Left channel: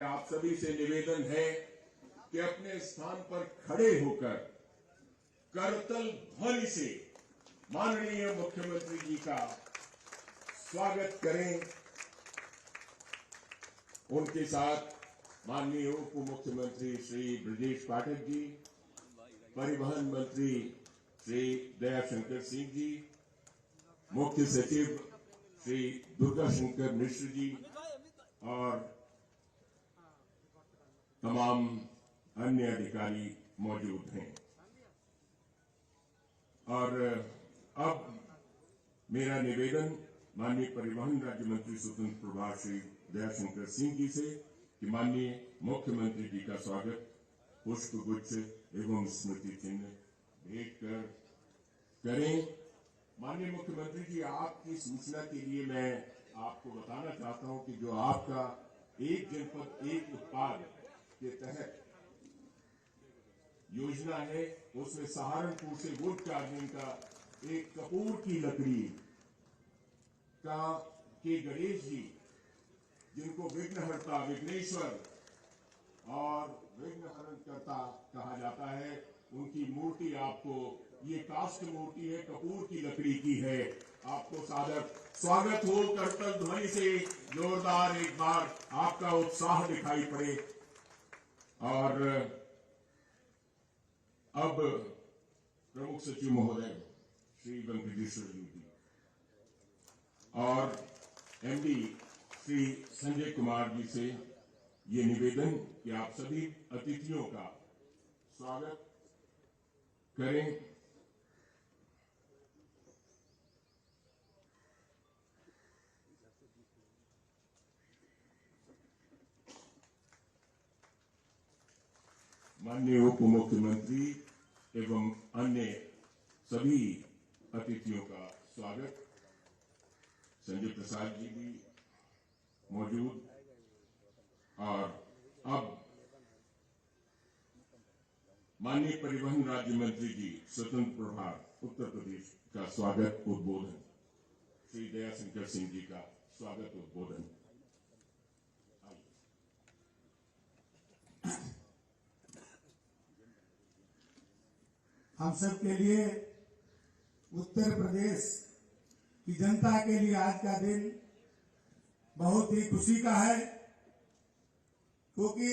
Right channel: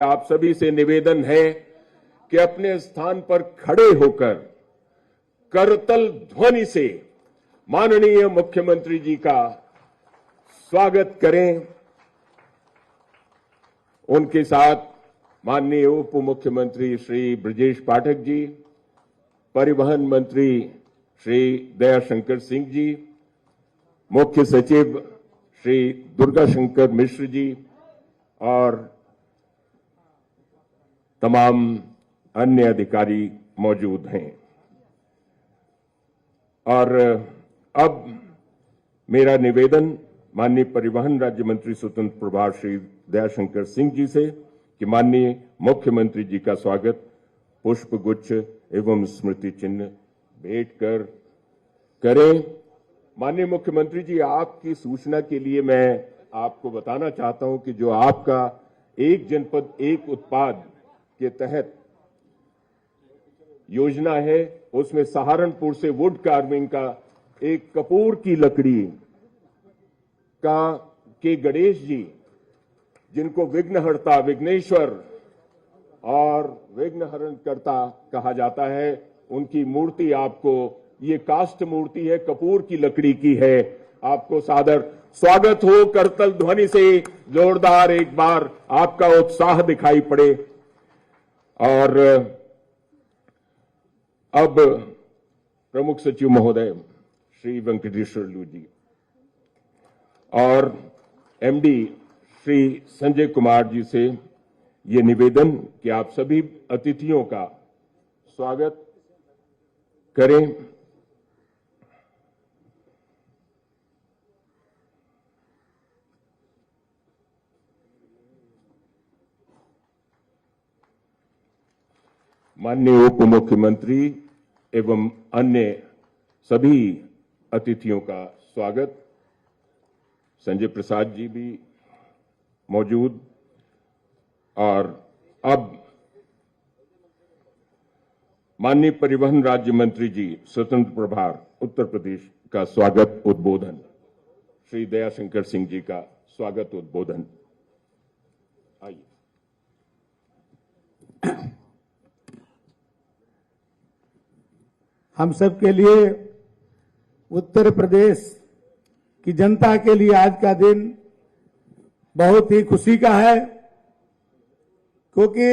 आप सभी से निवेदन है कि अपने स्थान पर खड़े होकर करतल ध्वनि से माननीय मुख्यमंत्री जी का स्वागत करें। उनके साथ माननीय उप मुख्यमंत्री श्री ब्रजेश पाठक जी, परिवहन मंत्री श्री दयाशंकर सिंह जी, मुख्य सचिव श्री दुर्गा शंकर मिश्र जी और तमाम अन्य अधिकारी मौजूद हैं। और अब मेरा निवेदन माननीय परिवहन राज्य मंत्री स्वतंत्र प्रभार श्री दयाशंकर सिंह जी से कि माननीय मुख्यमंत्री जी का स्वागत पुष्प गुच्छ एवं स्मृति चिन्ह भेंट कर करें। माननीय मुख्यमंत्री जी, आपकी सूचना के लिए मैं आपको बताना चाहता हूं कि जो आपका एक जनपद एक उत्पाद के तहत योजना है, उसमें सहारनपुर से वुड कार्विंग का एक कपूर की लकड़ी का के गणेश जी, जिनको विघ्नहर्ता, विघ्नेश्वर और विघ्नहरणकर्ता कहा जाता है, उनकी मूर्ति आपको, ये काष्ठ मूर्ति है, कपूर की लकड़ी की है। आपको सादर स्वागत हो। करतल ध्वनि से जोरदार एक बार आपका उत्साह दिखाई पड़े। और अब प्रमुख सचिव महोदय श्री वेंकटेश्वर लू जी और एमडी श्री संजय कुमार जी से ये निवेदन कि आप सभी अतिथियों का स्वागत करें। माननीय उप मुख्यमंत्री एवं अन्य सभी अतिथियों का स्वागत। संजय प्रसाद जी भी मौजूद। और अब माननीय परिवहन राज्य मंत्री जी स्वतंत्र प्रभार उत्तर प्रदेश का स्वागत उद्बोधन, श्री दयाशंकर सिंह जी का स्वागत उद्बोधन। आइए। हम सब के लिए, उत्तर प्रदेश की जनता के लिए आज का दिन बहुत ही खुशी का है, क्योंकि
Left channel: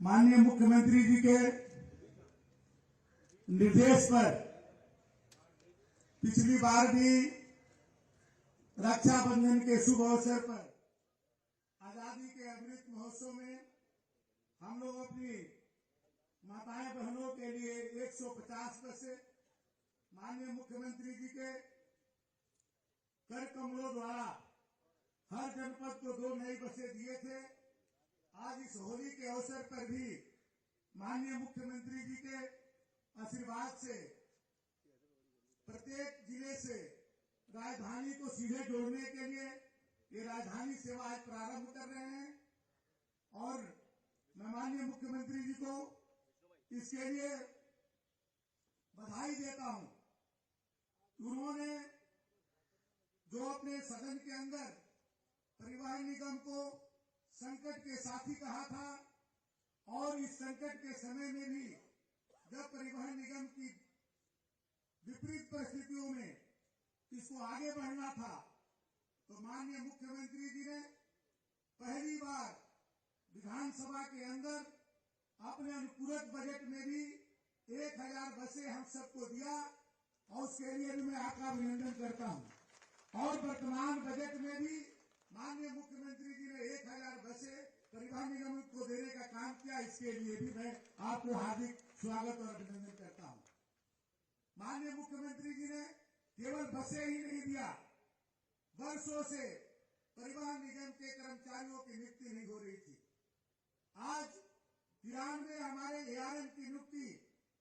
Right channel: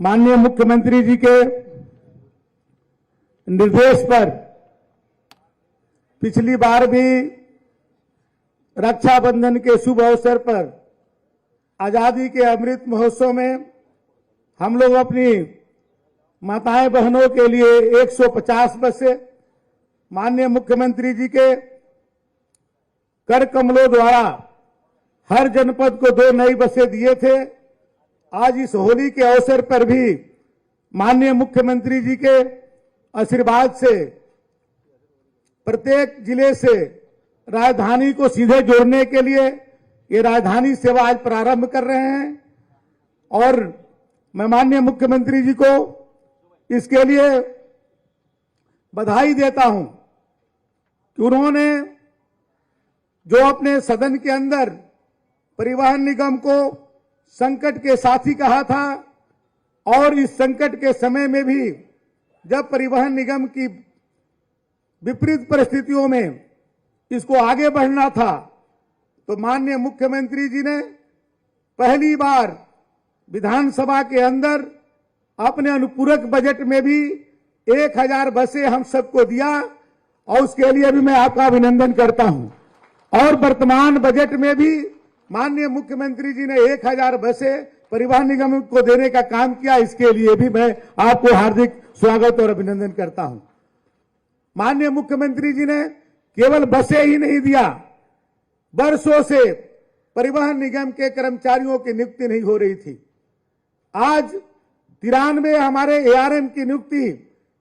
माननीय मुख्यमंत्री जी के निर्देश पर पिछली बार भी रक्षाबंधन के शुभ अवसर पर आजादी के अमृत महोत्सव में हम लोग अपनी माताएं बहनों के लिए 150 बसें माननीय मुख्यमंत्री जी के कर कमलों द्वारा हर जनपद को 2 नई बसें दिए थे। आज इस होली के अवसर पर भी माननीय मुख्यमंत्री जी के आशीर्वाद से प्रत्येक जिले से राजधानी को सीधे जोड़ने के लिए ये राजधानी सेवा आज प्रारंभ कर रहे हैं। और मैं माननीय मुख्यमंत्री जी को इसके लिए बधाई देता हूं कि उन्होंने जो अपने सदन के अंदर परिवहन निगम को संकट के साथी कहा था, और इस संकट के समय में भी जब परिवहन निगम की विपरीत परिस्थितियों में इसको आगे बढ़ना था, तो माननीय मुख्यमंत्री जी ने पहली बार विधानसभा के अंदर अपने अनुपूरक बजट में भी 1000 बसें हम सबको दिया, और उसके लिए भी मैं आपका अभिनंदन करता हूं। और वर्तमान बजट में भी माननीय मुख्यमंत्री जी ने 1000 बसें परिवहन निगम को देने का काम किया, इसके लिए भी मैं आपको हार्दिक स्वागत और अभिनंदन करता हूं। माननीय मुख्यमंत्री जी ने केवल बसें ही नहीं दिया, वर्षों से परिवहन निगम के कर्मचारियों की नियुक्ति नहीं हो रही थी। आज 93 हमारे ARM की नियुक्ति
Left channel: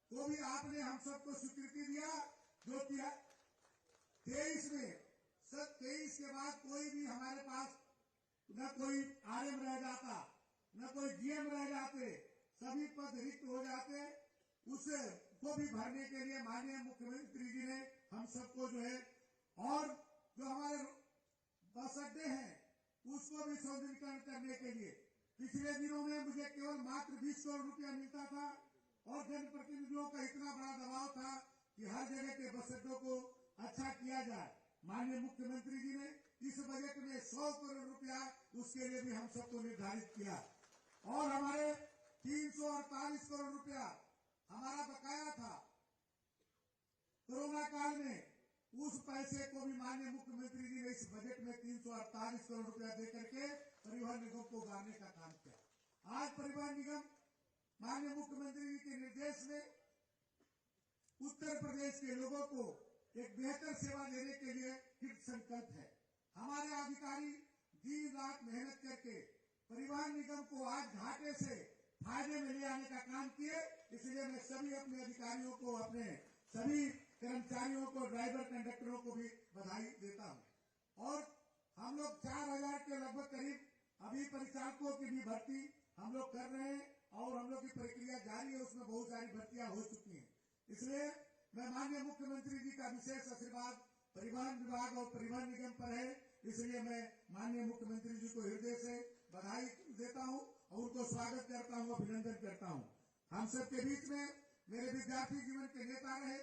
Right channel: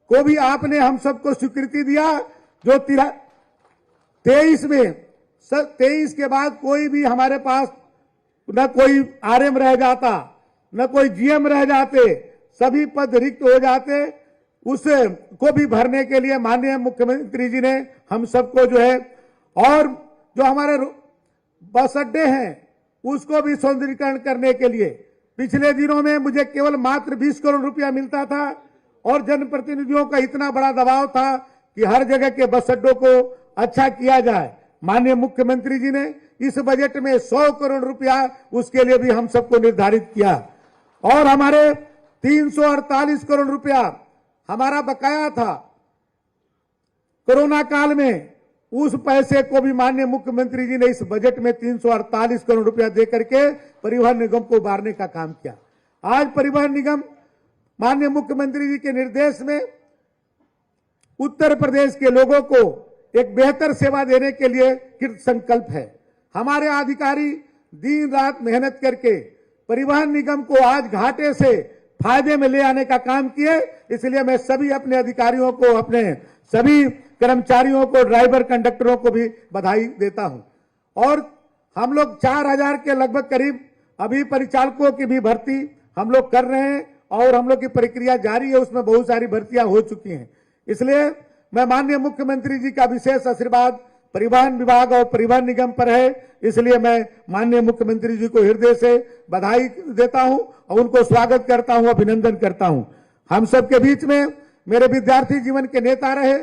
को भी आपने हम सबको स्वीकृति दिया, जो 23 में 23 के बाद कोई भी हमारे पास न कोई RM रह जाता, न कोई GM रह जाते, सभी पद रिक्त हो जाते। उसे को भी भरने के लिए माननीय मुख्यमंत्री जी ने हम सबको जो है, और जो हमारे बस अड्डे हैं उसको भी सौंदर्यीकरण करने के लिए पिछले दिनों में मुझे केवल मात्र 20 करोड़ रुपया मिलता था और जनप्रतिनिधियों का इतना बड़ा दबाव था कि हर जगह के बस अड्डों को अच्छा किया जाए। माननीय मुख्यमंत्री जी ने इस बजट में 100 करोड़ रुपया उसके लिए भी हम सबको निर्धारित किया और हमारे 348 करोड़ रुपया हमारा बकाया था कोरोना काल में, उस पैसे को भी माननीय मुख्यमंत्री जी ने इस बजट में 348 करोड़ रुपया देकर के परिवहन निगम को उबारने का काम किया। आज परिवहन निगम माननीय मुख्यमंत्री जी के निर्देश में उत्तर प्रदेश के लोगों को एक बेहतर सेवा देने के लिए कृत संकल्प है। हमारे अधिकारी दिन रात मेहनत करके परिवहन निगम को आज घाटे से फायदे में ले आने का काम किए। इसलिए मैं सभी अपने अधिकारियों को, अपने सभी कर्मचारियों को, ड्राइवर कंडक्टरों को भी बधाई देता हूं। और हम लोग 4000 के लगभग करीब अभी परिचालकों की भी भर्ती हम लोग कर रहे हैं और हम लोग की प्रक्रिया जारी है, उसमें बहुत सारी भर्तियां हो चुकी हैं। इसलिए मैं माननीय मुख्यमंत्री जी का विशेष आशीर्वाद परिवहन विभाग और परिवहन निगम पर है। इसलिए मैं माननीय मुख्यमंत्री जी को हृदय से बधाई देता हूं और उनको स्वागत करता हूं, अभिनंदन करता हूं। हम सबके बीच में मेरे विद्यार्थी जीवन के नेता रहे।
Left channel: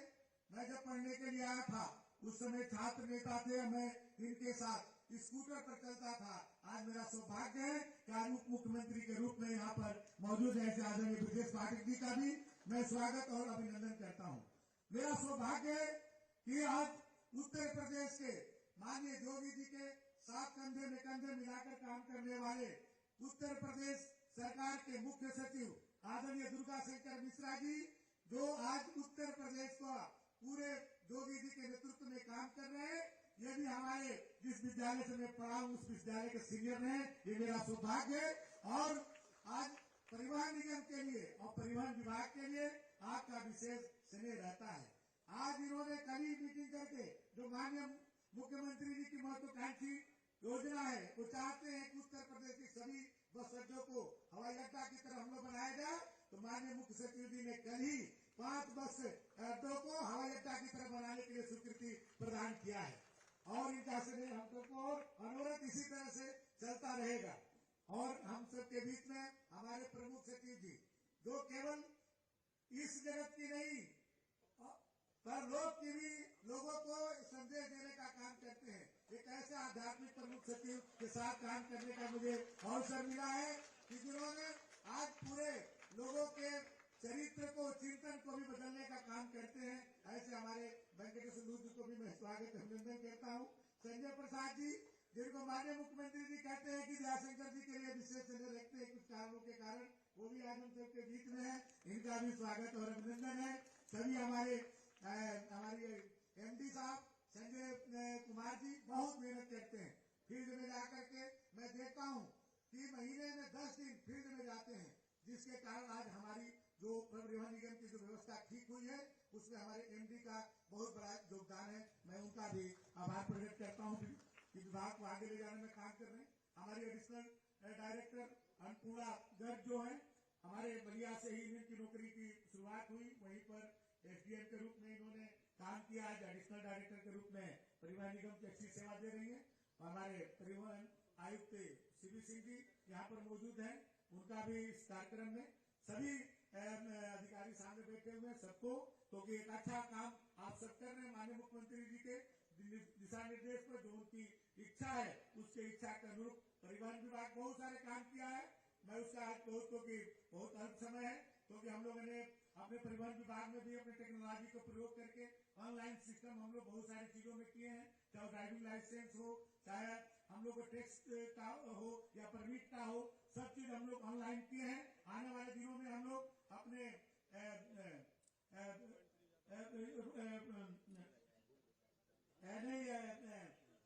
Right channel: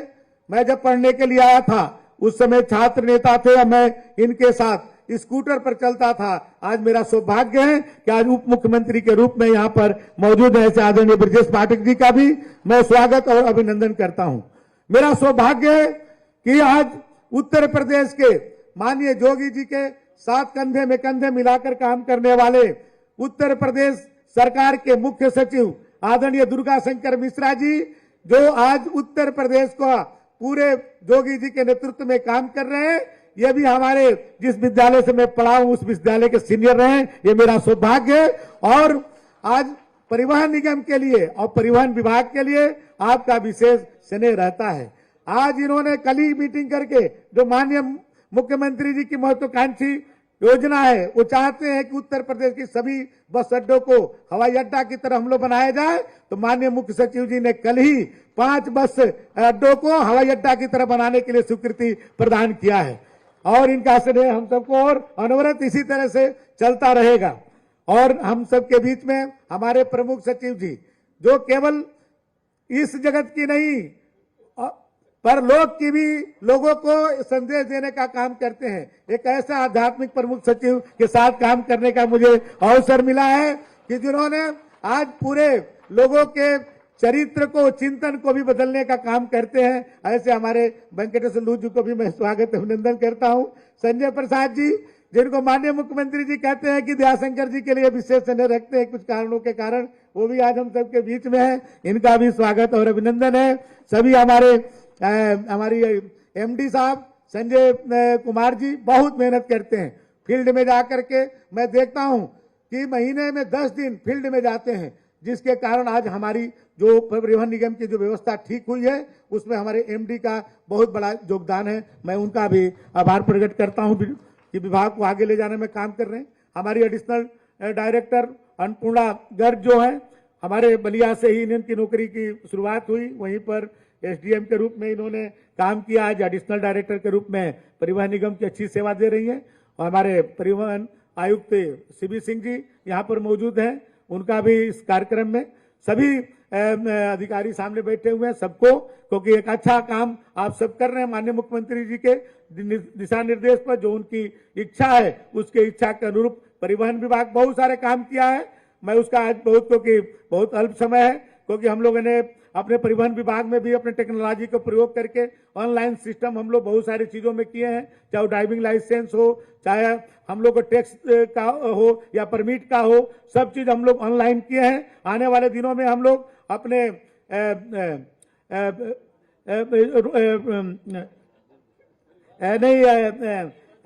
मैं जब पढ़ने के लिए आया था उस समय छात्र नेता थे और मैं इनके साथ स्कूटर पर चलता था। आज मेरा सौभाग्य है कि आज उप मुख्यमंत्री के रूप में यहाँ पर मौजूद है। ऐसे आदरणीय ब्रजेश पाठक जी का भी मैं स्वागत और अभिनंदन करता हूं। मेरा सौभाग्य है कि आज उत्तर प्रदेश के माननीय जोगी जी के साथ कंधे में कंधे मिलाकर काम करने वाले उत्तर प्रदेश सरकार के मुख्य सचिव आदरणीय दुर्गा शंकर मिश्रा जी, जो आज उत्तर प्रदेश को पूरे जोगी जी के नेतृत्व में काम कर रहे हैं, ये भी हमारे जिस विद्यालय से मैं पढ़ा हूं उस विद्यालय के सीनियर रहे। ये मेरा सौभाग्य है और आज परिवहन निगम के लिए और परिवहन विभाग के लिए आपका विशेष स्नेह रहता है। आज इन्होंने कल ही मीटिंग करके जो माननीय मुख्यमंत्री जी की महत्वाकांक्षी योजना है, वो चाहते हैं कि उत्तर प्रदेश की सभी बस अड्डों को हवाई अड्डा की तरह हम लोग बनाया जाए। तो माननीय मुख्य सचिव जी ने कल ही 5 बस अड्डों को हवाई अड्डा की तरह बनाने के लिए स्वीकृति प्रदान किया है और इनका स्नेह हम सबको और अनवरत इसी तरह से चलता रहेगा। और हम सबके बीच में हमारे प्रमुख सचिव जी, जो केवल इस जगत की नहीं परलोक की भी लोगों को संदेश देने का काम करते हैं। एक ऐसा आध्यात्मिक प्रमुख सचिव के साथ काम करने का मुझे अवसर मिला है कि जिन्होंने आज पूरे लोगों के चरित्र को, चिंतन को भी बदलने का काम करते हैं। ऐसे हमारे वेंकटेश्वर लू जी को भी मैं स्वागत अभिनंदन करता हूं। संजय प्रसाद जी, जिनको माननीय मुख्यमंत्री जी कहते हैं कि दयाशंकर जी के लिए विशेष स्नेह रखते हैं कुछ कारणों के कारण, वो भी आज हम सबके बीच में है। इनका भी स्वागत और अभिनंदन है। सभी हमारी एमडी साहब संजय कुमार जी बहुत मेहनत करते हैं फील्ड में जाकर के। मैं देखता हूं कि महीने में 10 दिन फील्ड में जाते हैं, जिसके कारण आज हमारी जो परिवहन निगम की जो व्यवस्था ठीक हुई है उसमें हमारे एमडी का बहुत बड़ा योगदान है। मैं उनका भी आभार प्रकट करता हूं कि विभाग को आगे ले जाने में काम कर रहे हैं। हमारी एडिशनल डायरेक्टर अन्नपूर्णा गर्ग जो है, हमारे बलिया से ही इनकी नौकरी की शुरुआत हुई, वहीं पर एसडीएम के रूप में इन्होंने काम किया। आज एडिशनल डायरेक्टर के रूप में परिवहन निगम की अच्छी सेवा दे रही हैं। और हमारे परिवहन आयुक्त सीबी सिंह जी यहाँ पर मौजूद हैं, उनका भी इस कार्यक्रम में सभी अधिकारी सामने बैठे हुए हैं सबको, क्योंकि एक अच्छा काम आप सब कर रहे हैं। माननीय मुख्यमंत्री जी के दिशा निर्देश पर जो उनकी इच्छा है उसके इच्छा के अनुरूप परिवहन विभाग बहुत सारे काम किया है। मैं उसका आज क्योंकि बहुत अल्प समय है, क्योंकि हम लोगों ने अपने परिवहन विभाग में भी अपने टेक्नोलॉजी का प्रयोग करके ऑनलाइन सिस्टम हम लोग बहुत सारी चीजों में किए हैं, चाहे ड्राइविंग लाइसेंस हो, चाहे हम लोग को टैक्स का हो या परमिट का हो, सब चीज हम लोग ऑनलाइन किए हैं। आने वाले दिनों में हम लोग अपने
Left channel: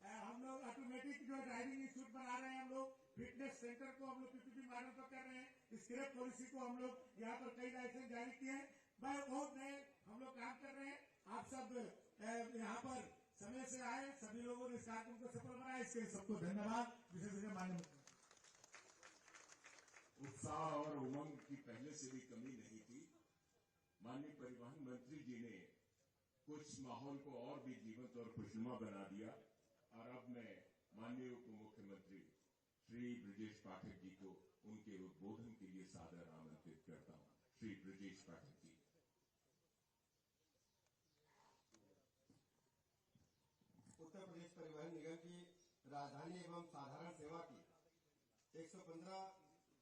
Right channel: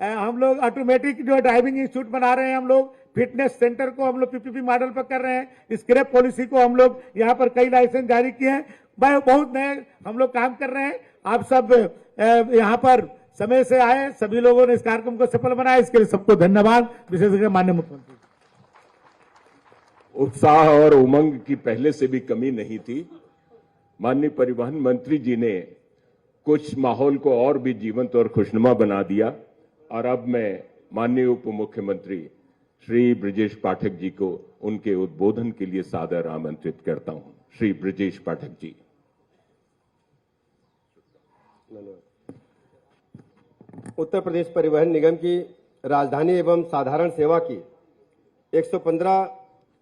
हम लोग ऑटोमेटिक जो ड्राइविंग इंस्टीट्यूट बना रहे हैं, हम लोग फिटनेस सेंटर को हम लोग पीपीपी मॉडल पर कर रहे हैं। स्क्रैप पॉलिसी को हम लोग यहाँ पर कई लाइसेंस जारी किए हैं। बहुत नए हम लोग काम कर रहे हैं। आप सब यहाँ पर समय से आए, सभी लोगों ने इस कार्यक्रम को सफल बनाया, इसके लिए सबको धन्यवाद। विशेषकर माननीय मुख्यमंत्री। उत्साह और उमंग की पहले से भी कमी नहीं थी। माननीय परिवहन मंत्री जी ने कुछ माहौल को और भी जीवंत और खुशनुमा बना दिया। और अब मैं माननीय उप मुख्यमंत्री श्री ब्रजेश पाठक जी को उनके उद्बोधन के लिए सादर आमंत्रित करता हूं। श्री ब्रजेश पाठक जी। उत्तर प्रदेश परिवहन निगम की राजधानी एवं साधारण सेवा की 115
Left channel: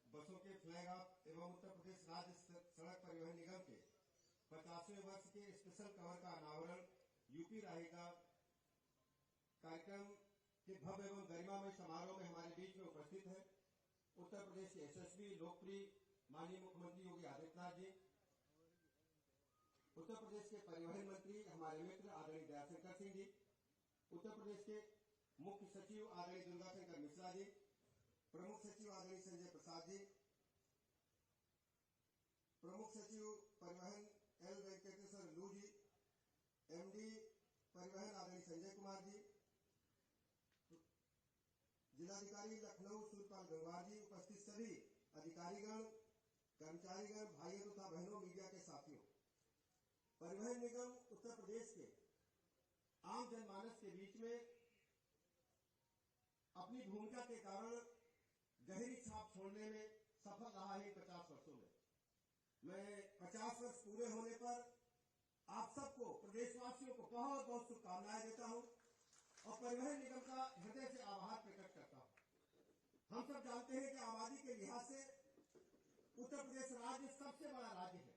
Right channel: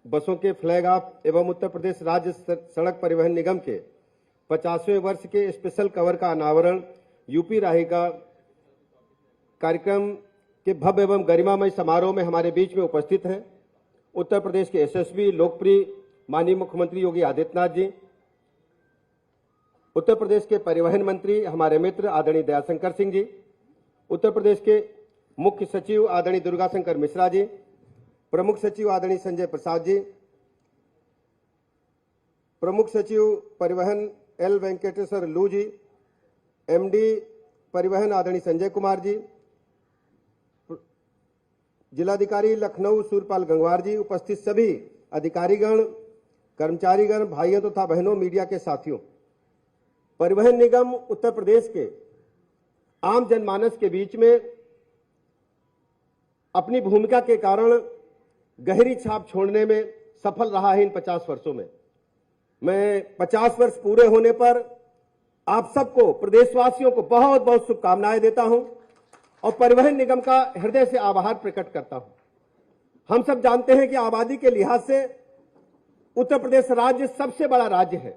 बसों के फ्लैग ऑफ एवं उत्तर प्रदेश राज्य सड़क परिवहन निगम के 50वें वर्ष के स्पेशल कवर का अनावरण यूपी राही का कार्यक्रम के भव्य एवं गरिमामय समारोह में हमारे बीच में उपस्थित हैं उत्तर प्रदेश के यशस्वी लोकप्रिय माननीय मुख्यमंत्री योगी आदित्यनाथ जी, उत्तर प्रदेश के परिवहन मंत्री हमारे मित्र आदरणीय दयाशंकर सिंह जी, उत्तर प्रदेश के मुख्य सचिव आदरणीय दुर्गाशंकर मिश्रा जी, प्रमुख सचिव आदरणीय संजय प्रसाद जी, प्रमुख सचिव परिवहन एल वेंकटेश्वर लू जी, एमडी परिवहन आदरणीय संजय कुमार जी, जिलाधिकारी लखनऊ सूरपाल गंगवार जी, उपस्थित सभी अधिकारीगण, कर्मचारीगण, भाइयों तथा बहनों, मीडिया के साथियों। परिवहन निगम उत्तर प्रदेश के आम जनमानस के बीच में अपनी भूमिका के कारण गहरी छाप छोड़ने में सफल रहा है इन 50 वर्षों में। मैं 50 वर्ष पूरे होने पर आप सबको, प्रदेशवासियों को बहुत बहुत शुभकामनाएं देता हूं और परिवहन निगम का हृदय से आभार प्रकट करता हूं। हम सब जानते हैं कि आबादी के लिहाज से उत्तर प्रदेश राज्य सबसे बड़ा राज्य है।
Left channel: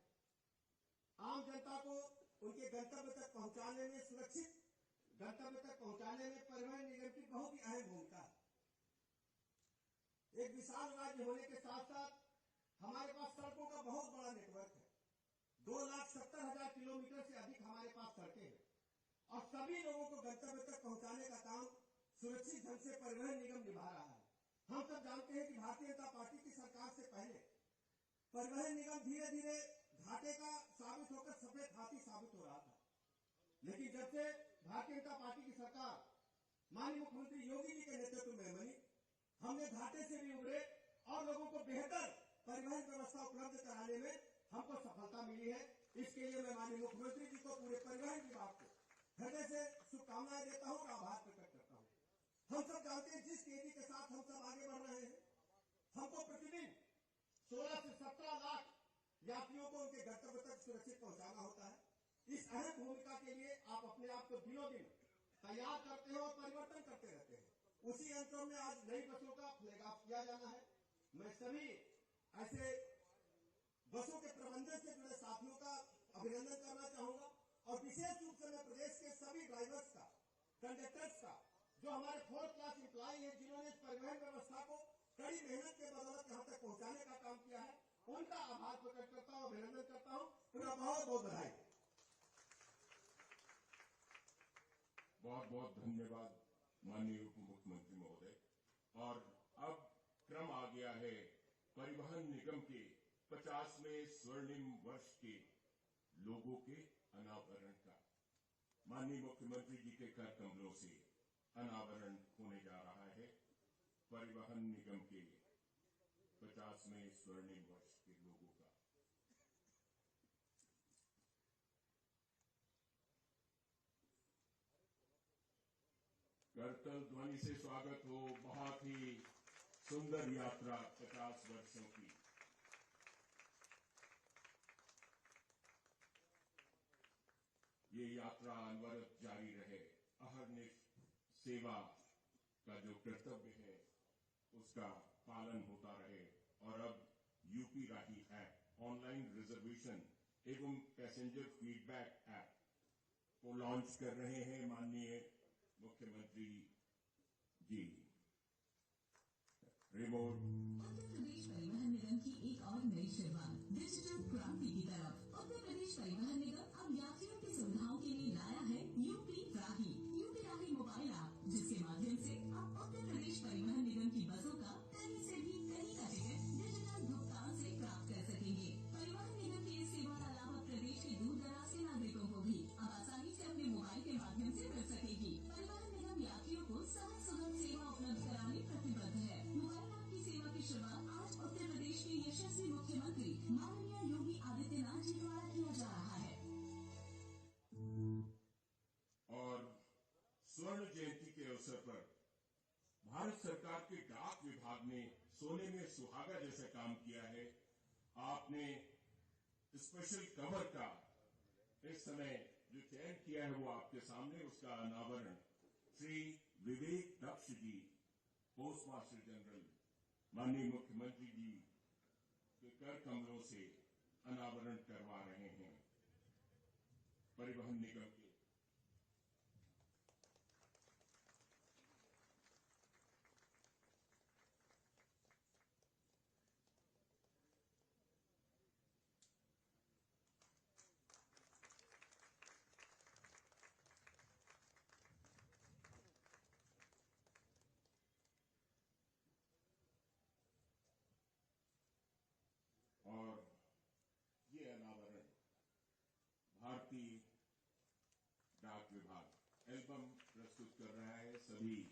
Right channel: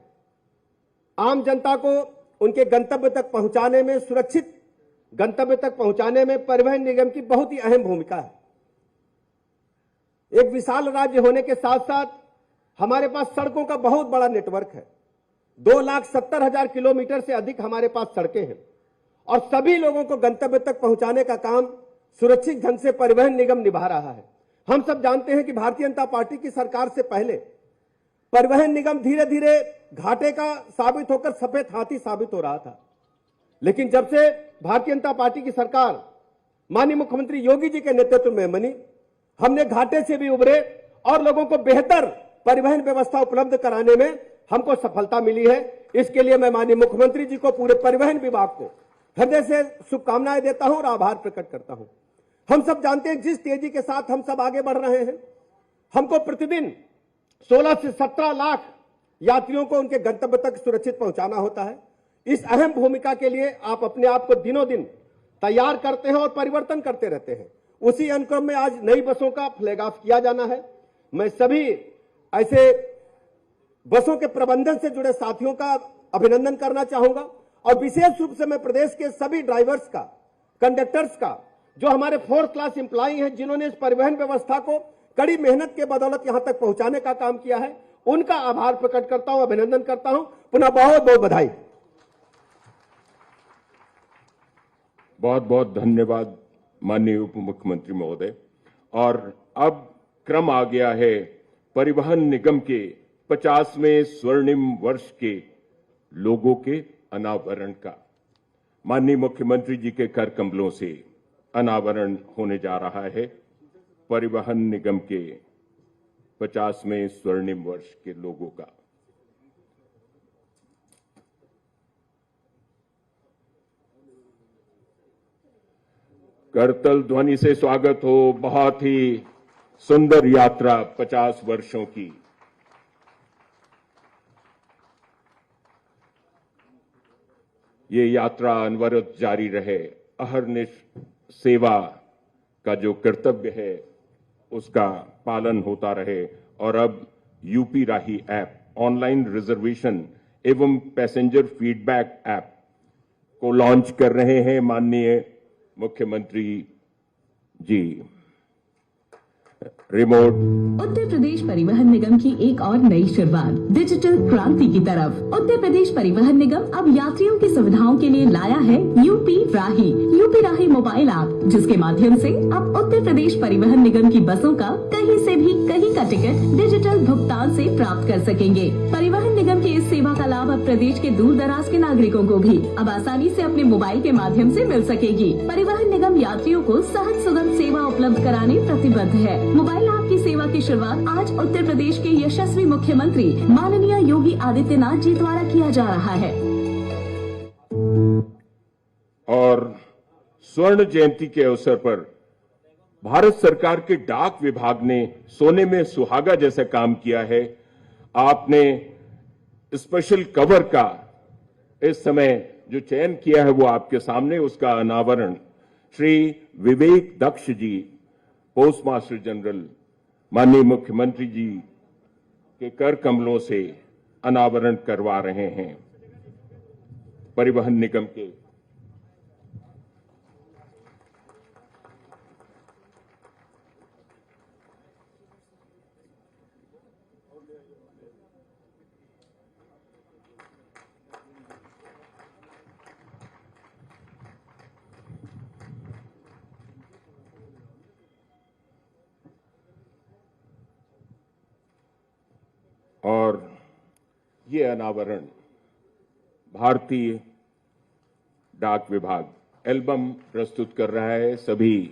आम जनता को उनके गंतव्य तक पहुंचाने में, सुरक्षित गंतव्य तक पहुंचाने में परिवहन निगम की बहुत ही अहम भूमिका है। एक विशाल राज्य होने के साथ साथ हमारे पास सड़कों का बहुत बड़ा नेटवर्क है। 2,70,000 किलोमीटर से अधिक हमारे पास सड़कें हैं और सभी लोगों को गंतव्य तक पहुंचाने का काम सुरक्षित ढंग से परिवहन निगम निभा रहा है। हम सब जानते हैं कि भारतीय जनता पार्टी की सरकार से पहले परिवहन निगम धीरे धीरे घाटे का साबित होकर सफेद हाथी साबित हो रहा था, लेकिन जब से भारतीय जनता पार्टी की सरकार माननीय मुख्यमंत्री योगी जी के नेतृत्व में बनी, हमने घाटे से भी उभरे और लोगों को बेहतर परिवहन व्यवस्था उपलब्ध कराने में हमको सफलता मिली है। इसके लिए मैं माननीय मुख्यमंत्री जी को, पूरे परिवहन विभाग को हृदय से शुभकामनाएं देता हूं और आभार प्रकट करता हूं। हम सब जानते हैं जिस तेजी के साथ हम सब आगे बढ़ रहे हैं, हमको प्रतिदिन 16 से 17 लाख यात्रियों को उनके गंतव्य तक सुरक्षित पहुंचाना होता है। इस अहम भूमिका के लिए आप अपने आप को दिनों दिन तैयार करते हैं और परिवर्तन करते रहते हैं। उसी अनुक्रम में आज नई बसों का फ्लैग ऑफ किया जाना है। मैं सभी ऐसे बसों के प्रबंधन से जुड़े साथियों का अभिनंदन करना चाहूंगा और विशेष रूप से मैं प्रदेश के सभी ड्राइवर्स का, कंडक्टर्स का, जो हमारे 4th क्लास एम्प्लॉई हैं, जिन्होंने इस परिवहन व्यवस्था को कड़ी मेहनत के बदौलत यहां तक पहुंचाने का काम किया है, उनका आभार प्रकट करता हूं, अभिनंदन करता हूं। पुनः बहुत बहुत बधाई। बहुत बहुत धन्यवाद माननीय उप मुख्यमंत्री महोदय। और अब क्रम आ गया है परिवहन निगम के 50वें स्वर्णिम वर्ष के लोगों के अनावरण का। माननीय मुख्यमंत्री जी के कर कमलों से अनावरण होने जा रहा है परिवहन निगम के 50वें स्वर्णिम वर्ष के लोगों का। करतल ध्वनि से स्वागत हो। बहुत ही सुंदर यात्रा 50 वर्षों की। ये यात्रा अनवरत जारी रहे। अहर्निश सेवा का जो कर्तव्य है उसका पालन होता रहे। और अब यूपी राही ऐप, ऑनलाइन रिजर्वेशन एवं पैसेंजर फीडबैक ऐप को लॉन्च कर रहे हैं माननीय मुख्यमंत्री जी। रिमोट उत्तर प्रदेश परिवहन निगम की एक और नई शुरुआत डिजिटल क्रांति की तरफ। उत्तर प्रदेश परिवहन निगम अब यात्रियों की सुविधाओं के लिए लाया है यूपी राही मोबाइल ऐप, जिसके माध्यम से अब उत्तर प्रदेश परिवहन निगम की बसों का कहीं से भी कहीं का टिकट डिजिटल भुगतान से प्राप्त कर सकेंगे। परिवहन निगम की इस सेवा का लाभ अब प्रदेश के दूर दराज के नागरिकों को भी अब आसानी से अपने मोबाइल के माध्यम से मिल सकेगी। परिवहन निगम यात्रियों को सहज सुगम सेवा उपलब्ध कराने प्रतिबद्ध है। मोबाइल ऐप की सेवा की शुरुआत आज उत्तर प्रदेश के यशस्वी मुख्यमंत्री माननीय योगी आदित्यनाथ जी द्वारा किया जा रहा है। और स्वर्ण जयंती के अवसर पर भारत सरकार के डाक विभाग ने सोने में सुहागा जैसा काम किया है। आपने स्पेशल कवर का इस समय जो चयन किया है वो आपके सामने, उसका अनावरण श्री विवेक दक्ष जी, पोस्ट मास्टर जनरल, माननीय मुख्यमंत्री जी के कर कमलों से अनावरण करवा रहे हैं। परिवहन निगम के और ये अनावरण भारतीय डाक विभाग एल्बम प्रस्तुत कर रहा है। सभी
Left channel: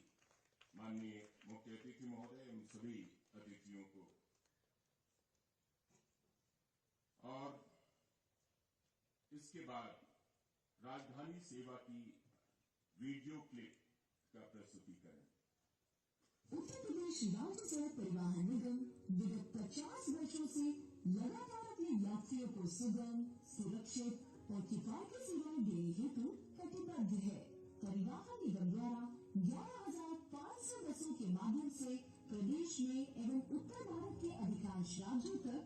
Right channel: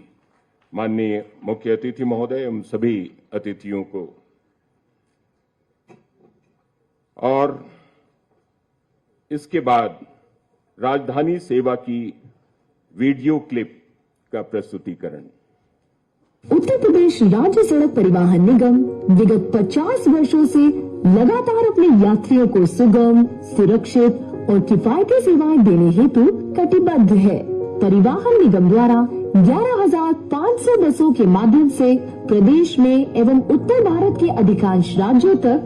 माननीय मुख्य अतिथि महोदय एवं सभी अतिथियों को, और इसके बाद राजधानी सेवा की वीडियो क्लिप का प्रस्तुतिकरण। उत्तर प्रदेश राज्य सड़क परिवहन निगम विगत 50 वर्षों से लगातार अपने यात्रियों को सुगम, सुरक्षित और किफायती सेवाएं देने हेतु कटिबद्ध है। परिवहन निगम द्वारा 11,500 बसों के माध्यम से प्रदेश में एवं उत्तर भारत के अधिकांश राज्यों तक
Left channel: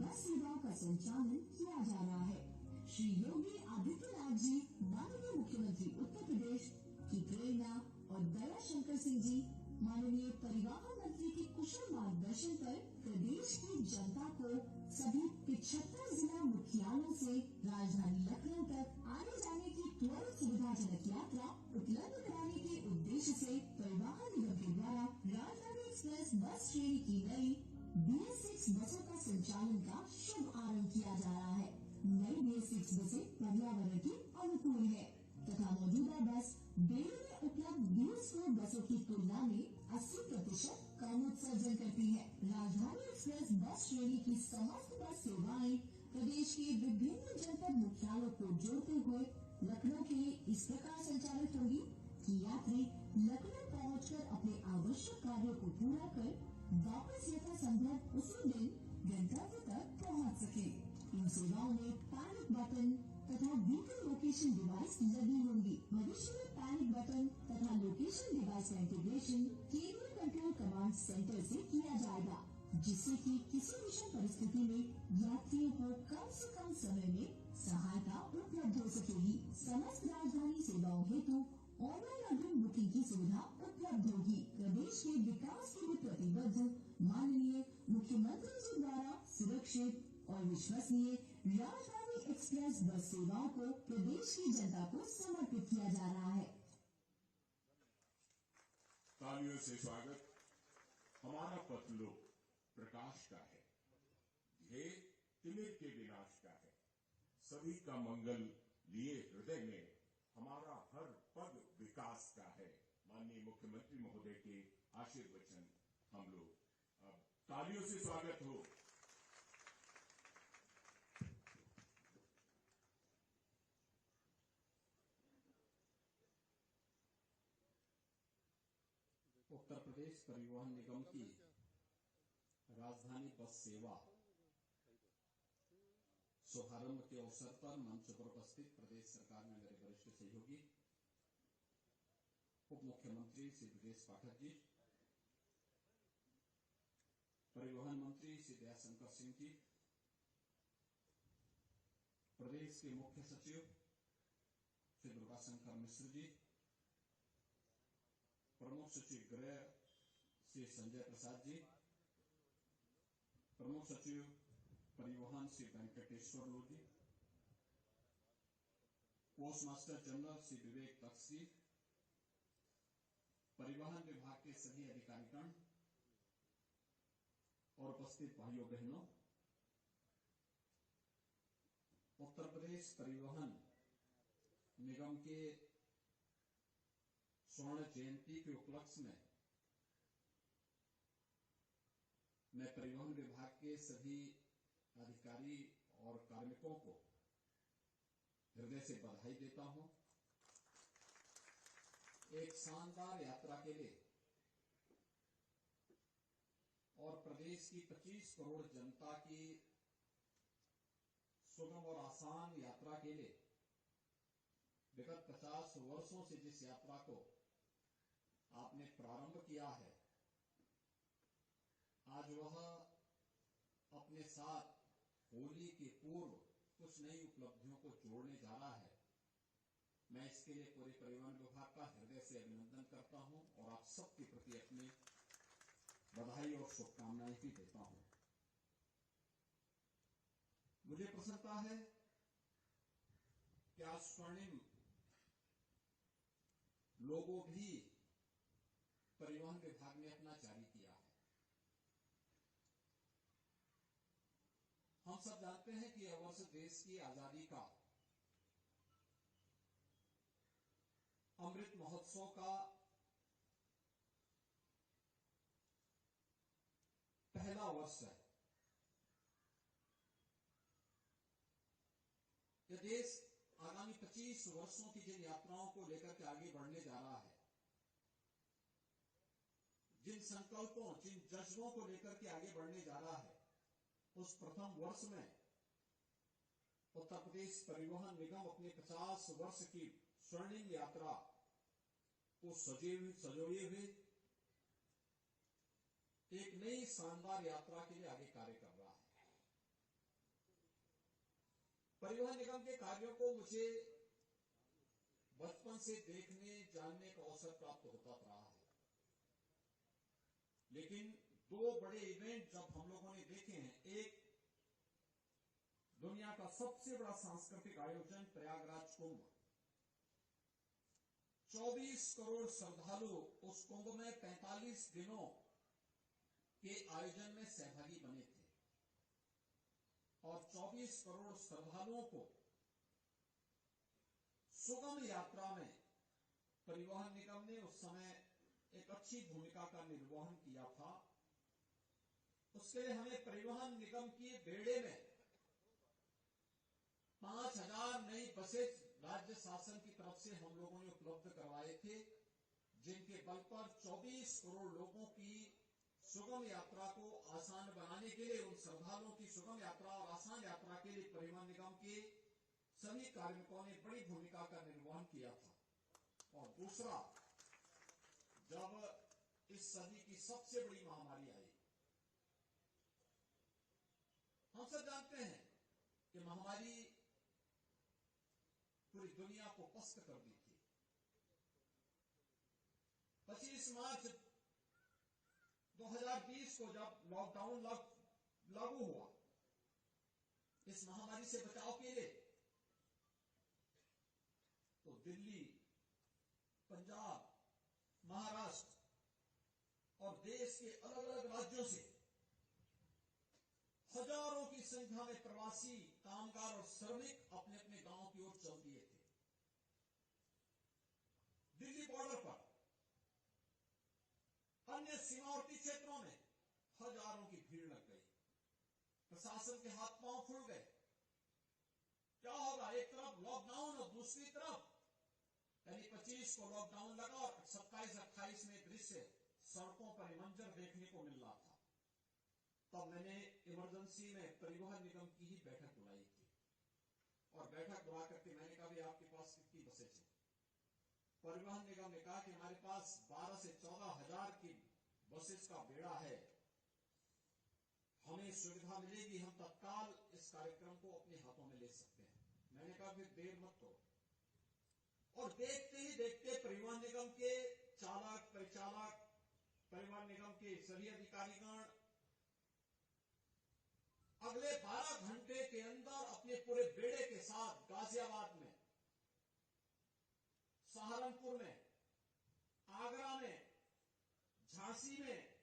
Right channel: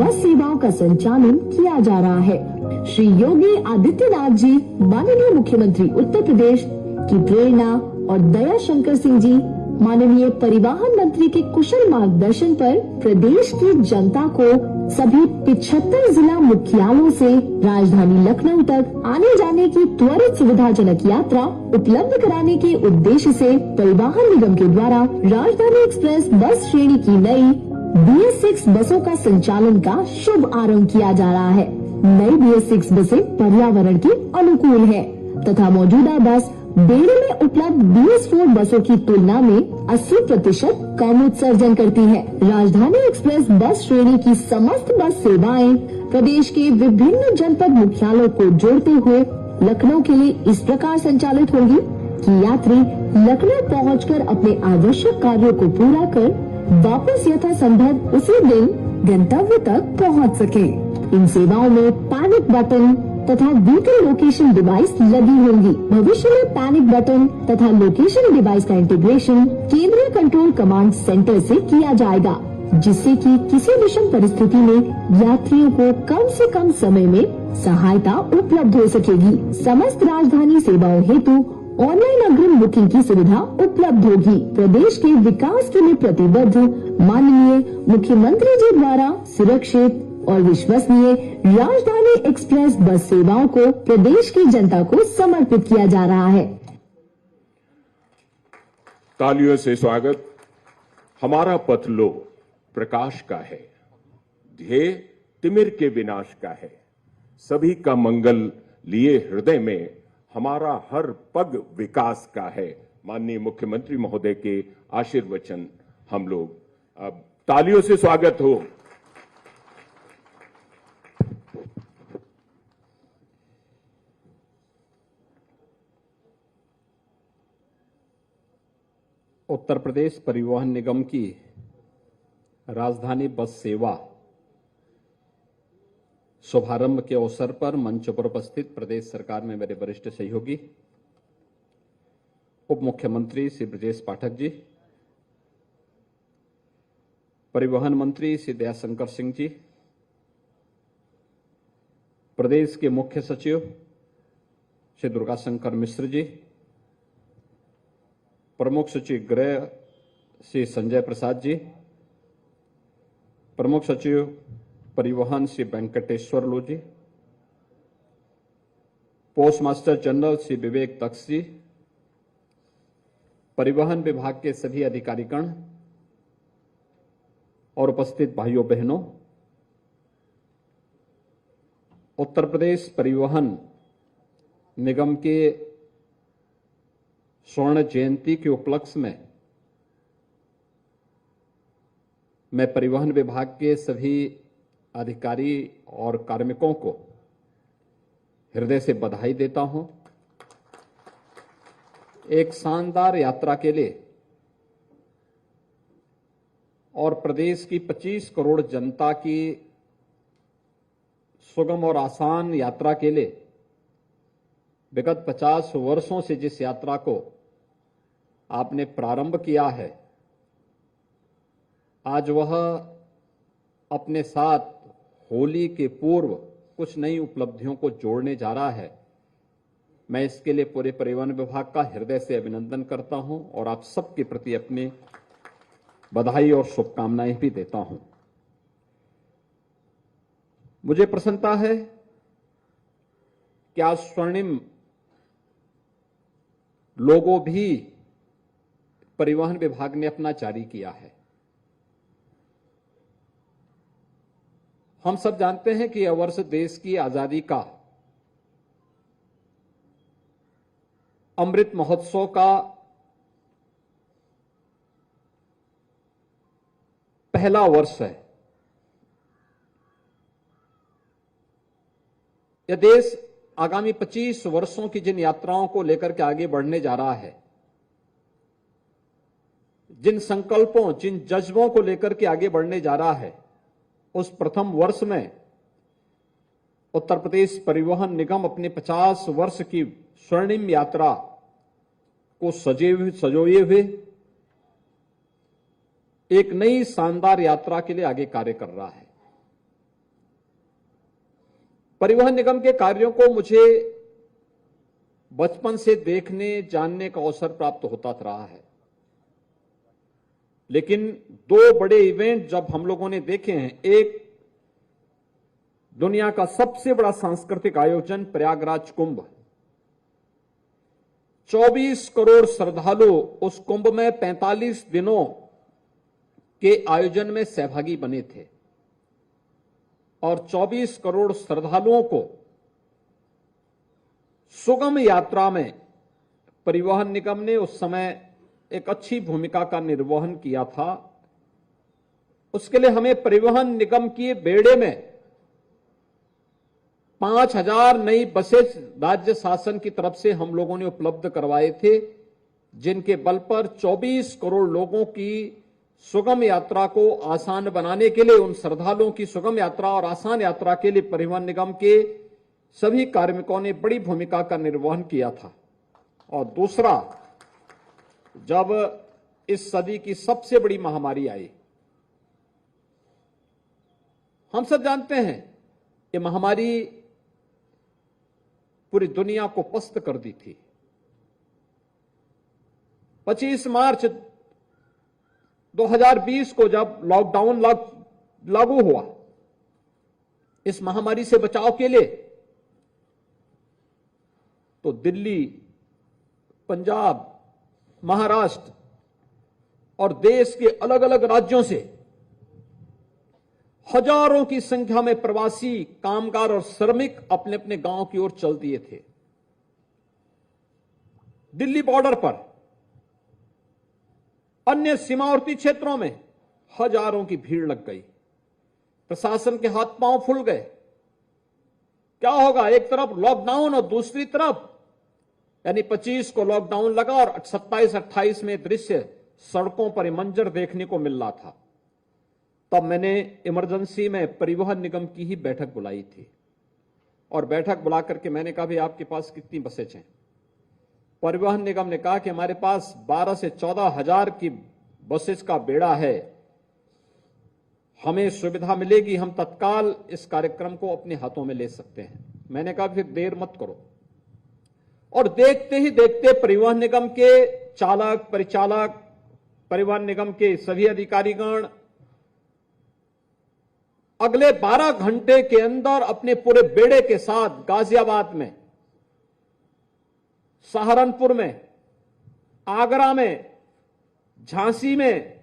बस सेवाओं का संचालन किया जा रहा है। श्री योगी आदित्यनाथ जी, माननीय मुख्यमंत्री उत्तर प्रदेश की प्रेरणा और दया शंकर सिंह जी, माननीय परिवहन मंत्री के कुशल मार्गदर्शन पर प्रदेश की जनता को सभी 75 जिला मुख्यालयों से राजधानी लखनऊ तक आने जाने की त्वरित सुविधाजनक यात्रा उपलब्ध कराने के उद्देश्य से परिवहन निगम के द्वारा राजधानी एक्सप्रेस बस श्रेणी की नई BS6 बसों का संचालन का शुभ आरंभ किया जा रहा है। नई BS6 बसें पर्यावरण के अनुकूल है तथा मौजूदा बस बेड़े में उपलब्ध BS4 बसों की तुलना में 80% कम उत्सर्जन करती है। राजधानी एक्सप्रेस बस श्रेणी की समस्त बस सेवाएं प्रदेश के विभिन्न जनपद मुख्यालयों को जोड़ते हुए लखनऊ के लिए इस प्रकार संचालित होगी कि यात्री लखनऊ पहुंचकर अपने आवश्यक कार्यों को पूरा कर वापस यथासंभव उसी दिन गंतव्य तक पहुंच सके। इन सेवाओं में पैनिक बटन तथा व्हीकल लोकेशन डिवाइस लगी होंगी। भविष्य में पैनिक बटन तथा लोकेशन डिवाइस का इंटीग्रेशन केंद्रीय कंट्रोल कमांड सेंटर से किया जाएगा, जिससे कि किसी विषम परिस्थिति में यात्रियों को कम से कम समय में सहायता उपलब्ध हो सकेगी। समस्त राजधानी सेवाओं हेतु ऑनलाइन अग्रिम बुकिंग की सुविधा उपलब्ध होगी। प्रदेश के विकास के लिए प्रतिबद्ध माननीय मुख्यमंत्री जी द्वारा सुरक्षित और विश्वसनीय राजधानी एक्सप्रेस बस सेवाओं को प्रदेश की जनता को समर्पित किया जा रहा है। तालियों से स्वागत। हमारा पथ लो प्रकाश का है, ध्येय तिमिर के विनाश का है। सभी का मंगल लिए हृदय में, हमारा हर पग विकास का है। माननीय मुख्यमंत्री महोदय के आशीर्वचन हम लोग अब तालियों से स्वागत हो। उत्तर प्रदेश परिवहन निगम की राजधानी बस सेवा शुभारंभ के अवसर पर मंच पर उपस्थित प्रदेश सरकार में मेरे वरिष्ठ सहयोगी उप मुख्यमंत्री श्री ब्रजेश पाठक जी, परिवहन मंत्री श्री दयाशंकर सिंह जी, प्रदेश के मुख्य सचिव श्री दुर्गाशंकर मिश्र जी, प्रमुख सचिव गृह श्री संजय प्रसाद जी, प्रमुख सचिव परिवहन श्री वेंकटेश्वर लू जी, post master general Shri Vivek दक्ष जी, परिवहन विभाग के सभी अधिकारीगण और उपस्थित भाइयों बहनों, उत्तर प्रदेश परिवहन निगम के स्वर्ण जयंती के उपलक्ष्य में मैं परिवहन विभाग के सभी अधिकारी और कार्मिकों को हृदय से बधाई देता हूं। एक शानदार यात्रा के लिए और प्रदेश की 25 करोड़ जनता की सुगम और आसान यात्रा के लिए विगत 50 वर्षों से जिस यात्रा को आपने प्रारंभ किया है, आज वह अपने साथ होली के पूर्व कुछ नई उपलब्धियों को जोड़ने जा रहा है। मैं इसके लिए पूरे परिवहन विभाग का हृदय से अभिनंदन करता हूं और आप सबके प्रति अपनी बधाई और शुभकामनाएं भी देता हूं। मुझे प्रसन्नता है कि आज स्वर्णिम लोगो भी परिवहन विभाग ने अपना जारी किया है। हम सब जानते हैं कि यह वर्ष देश की आजादी का अमृत महोत्सव का पहला वर्ष है। यह देश आगामी 25 वर्षों की जिन यात्राओं को लेकर के आगे बढ़ने जा रहा है, जिन संकल्पों, जिन जज्बों को लेकर के आगे बढ़ने जा रहा है, उस प्रथम वर्ष में उत्तर प्रदेश परिवहन निगम अपने 50 वर्ष की स्वर्णिम यात्रा को सजोए हुए एक नई शानदार यात्रा के लिए आगे कार्य कर रहा है। परिवहन निगम के कार्यों को मुझे बचपन से देखने, जानने का अवसर प्राप्त होता रहा है, लेकिन दो बड़े इवेंट जब हम लोगों ने देखे हैं, एक दुनिया का सबसे बड़ा सांस्कृतिक आयोजन प्रयागराज कुंभ, 24 करोड़ श्रद्धालु उस कुंभ में 45 दिनों के आयोजन में सहभागी बने थे और 24 करोड़ श्रद्धालुओं को सुगम यात्रा में परिवहन निगम ने उस समय एक अच्छी भूमिका का निर्वहन किया था। उसके लिए हमें परिवहन निगम की बेड़े में 5000 नई बसेस राज्य शासन की तरफ से हम लोगों ने उपलब्ध करवाए थे, जिनके बल पर 24 करोड़ लोगों की सुगम यात्रा को आसान बनाने के लिए, उन श्रद्धालुओं की सुगम यात्रा और आसान यात्रा के लिए परिवहन निगम के सभी कार्मिकों ने बड़ी भूमिका का निर्वहन किया था। और दूसरा, जब इस सदी की सबसे बड़ी महामारी आई, हम सब जानते हैं ये महामारी पूरी दुनिया को पस्त कर दी थी। 25 मार्च 2020 को जब लॉकडाउन लागू हुआ, इस महामारी से बचाव के लिए तो दिल्ली, पंजाब, महाराष्ट्र और देश के अलग अलग राज्यों से हजारों की संख्या में प्रवासी कामगार और श्रमिक अपने अपने गांव की ओर चल दिए थे। दिल्ली बॉर्डर पर, अन्य सीमावर्ती क्षेत्रों में हजारों की भीड़ लग गई। प्रशासन के हाथ पांव फूल गए। क्या होगा, एक तरफ लॉकडाउन और दूसरी तरफ यानी 25 को लॉकडाउन लगा और 27-28 में दृश्य सड़कों पर मंजर देखने को मिल रहा था। तब मैंने इमरजेंसी में परिवहन निगम की ही बैठक बुलाई थी और बैठक बुला करके मैंने कहा, भाई आपके पास कितनी बसें हैं? परिवहन निगम ने कहा कि हमारे पास 12 से 14 हजार की बसेस का बेड़ा है, हमें सुविधा मिलेगी, हम तत्काल इस कार्यक्रम को अपने हाथों में ले सकते हैं। मैंने कहा फिर देर मत करो। और देखते ही देखते परिवहन निगम के चालक, परिचालक, परिवहन निगम के सभी अधिकारीगण अगले 12 घंटे के अंदर अपने पूरे बेड़े के साथ गाजियाबाद में, सहारनपुर में, आगरा में, झांसी में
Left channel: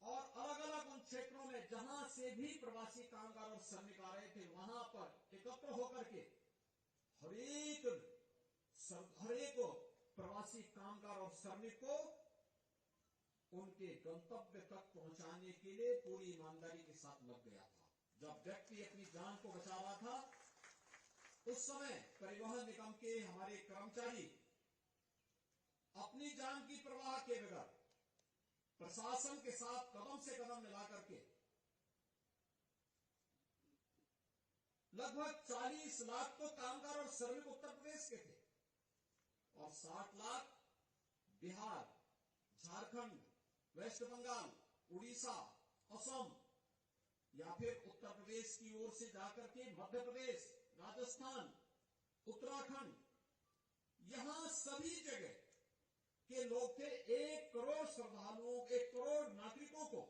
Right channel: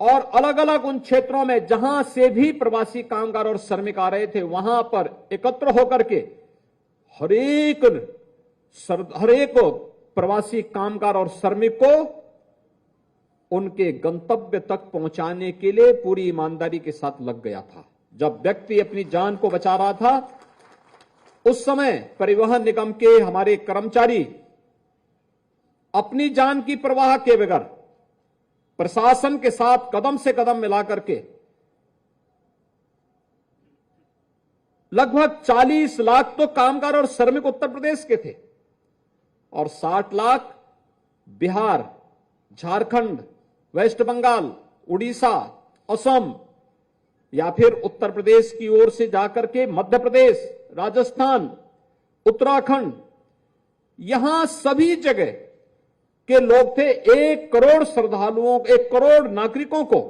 और अलग अलग उन क्षेत्रों में जहां से भी प्रवासी कामगार और श्रमिक आ रहे थे, वहां पर एकत्र होकर के हर एक प्रवासी कामगार और श्रमिक को उनके गंतव्य तक पहुंचाने के लिए पूरी ईमानदारी के साथ लग गया था। जब व्यक्ति अपनी जान को बचा रहा था, उस समय परिवहन निगम के हमारे कर्मचारी अपनी जान की परवाह के बगैर प्रशासन के साथ कदम से कदम मिला करके लगभग 40 लाख तो कामगार और श्रमिक उत्तर प्रदेश के थे और 60 लाख बिहार, झारखंड, वेस्ट बंगाल, उड़ीसा, असम या फिर उत्तर प्रदेश की ओर से जाकर के मध्य प्रदेश, राजस्थान, उत्तराखंड, यहां सभी जगह के लोग थे। 1 करोड़ श्रद्धालुओं, 1 करोड़ नागरिकों को,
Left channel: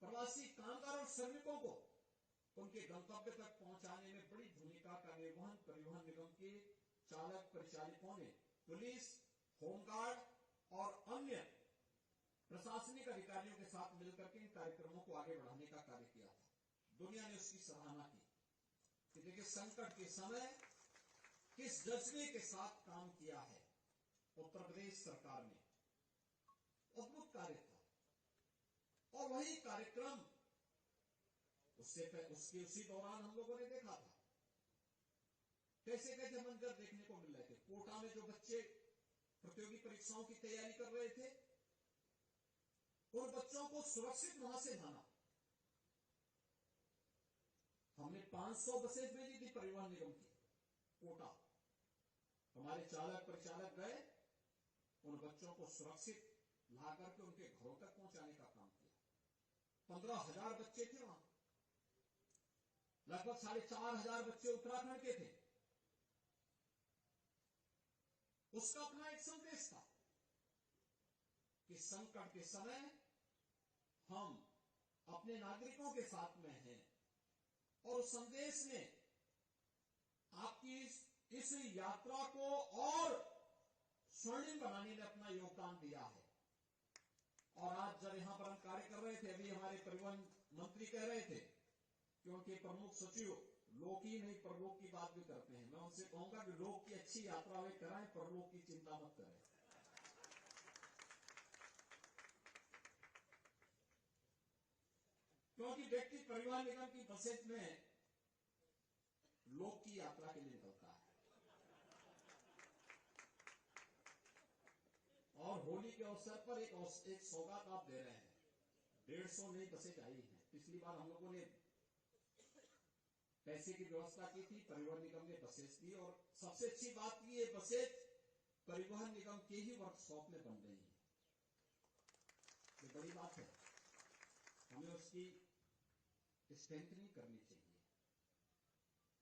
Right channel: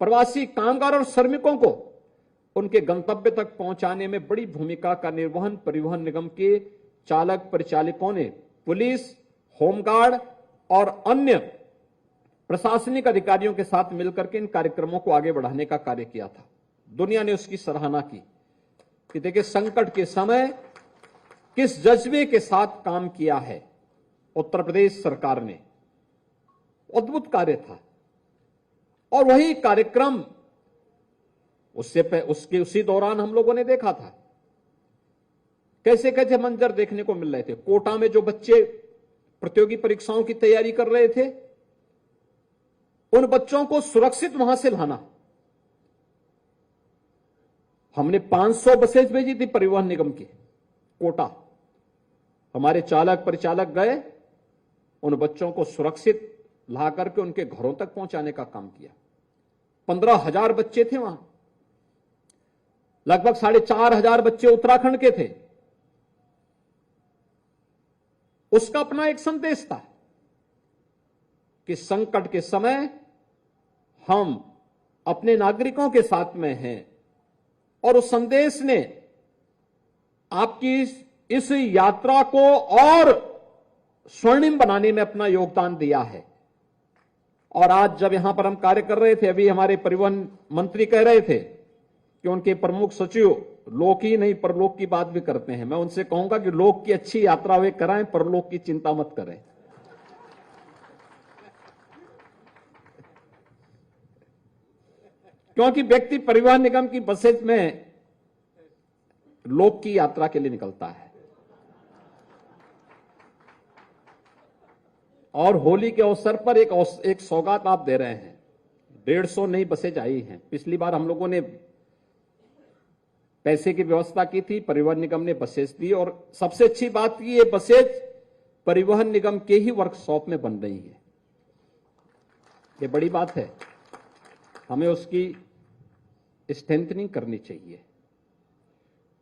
प्रवासी कामगार और श्रमिकों को उनके गंतव्य तक पहुंचाने में बड़ी भूमिका का निर्वहन परिवहन निगम के चालक परिचालकों ने पुलिस, होमगार्ड और अन्य प्रशासनिक अधिकारियों के साथ मिलकर के इन कार्यक्रमों को आगे बढ़ाने का कार्य किया था। दुनिया ने उसकी सराहना की कि देखिए संकट के समय किस जज्बे के साथ काम किया है उत्तर प्रदेश सरकार ने। अद्भुत कार्य था और वही कार्यक्रम उसी दौरान हम लोगों ने देखा था कैसे कैसे मंजर देखने को मिल रहे थे। कोटा में जो बच्चे प्रतियोगी परीक्षाओं की तैयारी कर रहे थे, उन बच्चों को सुरक्षित वहां से लाना। हमने 500 बसें भेजी थी परिवहन निगम की कोटा। हमारे चालक परिचालक गए, उन बच्चों को सुरक्षित ला करके उनके घरों तक पहुंचाने का काम किया। 15,000 बच्चे थे वहां, लगभग 4,500 बच्चे उत्तराखंड के थे। उसका अपना एक संदेश था कि संकट के समय हम अपने नागरिकों के साथ में हैं और उस संदेश ने आपकी इस यात्रा को और स्वर्णिम बनाने में अपना योगदान दिया है। और आज जब यहां पर हम कार्य कर रहे थे, अभी हमारे परिवहन मंत्री कह रहे थे कि उनके प्रमुख सचिव लोक ही नहीं परलोक की बात भी करते हैं। मैं उनसे कहूंगा कि लोक की अच्छी यात्रा वे कराएं, परलोक की चिंता मत करें। क्योंकि व्यक्ति परिवहन निगम की बसेज में लोक की यात्रा के लिए निकलता है। और होली के अवसर पर एक सौगात आप दे रहे हैं। 150 नई बसेज आई हैं। पिछली बार हम लोगों ने पैसे की व्यवस्था की थी, परिवहन निगम ने बसेज दी और सबसे अच्छी बात की ये बसेज परिवहन निगम के ही वर्कशॉप में बन रही है। ये बड़ी बात है, हमें उसकी स्ट्रेंथनिंग करनी चाहिए।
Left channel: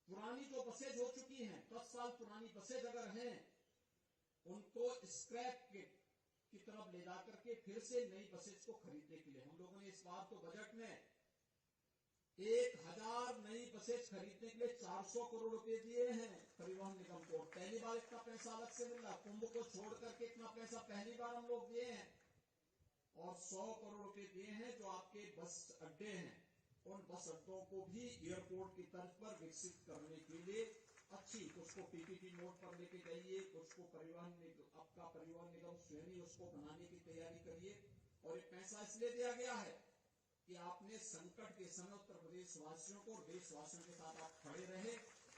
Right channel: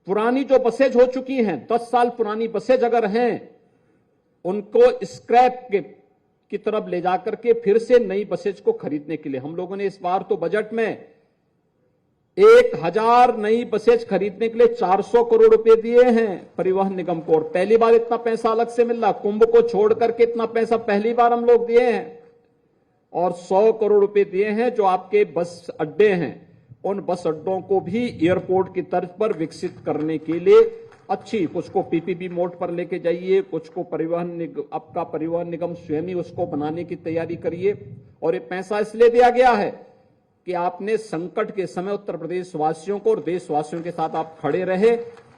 पुरानी जो बसेज हो चुकी हैं, 10 साल पुरानी बसेज अगर हैं, उनको स्क्रैप की तरफ ले जाकर के फिर से नई बसेज को खरीदने के लिए हम लोगों ने इस बार तो बजट में 1000 नई बसेज खरीदने के लिए 400 करोड़ रुपए दिए हैं परिवहन निगम को। और पहली बार इतना पैसा अलग से मिल रहा, कुंभ को छोड़ करके इतना पैसा पहली बार हम लोग दिए हैं। और 100 करोड़ रुपए दिए हैं जो आपके बस अड्डे हैं, उन बस अड्डों को भी एयरपोर्ट की तर्ज पर विकसित करने के लिए अच्छी, कुछ को पीपीपी मोड पर लेके जाइए, कुछ को आपका परिवहन निगम स्वयं ही उसको बनाने की तैयारी करिए। और ये पैसा इसलिए दिया गया है कि आपने संकट के समय उत्तर प्रदेश वासियों को और देशवासियों के साथ आप खड़े रहे,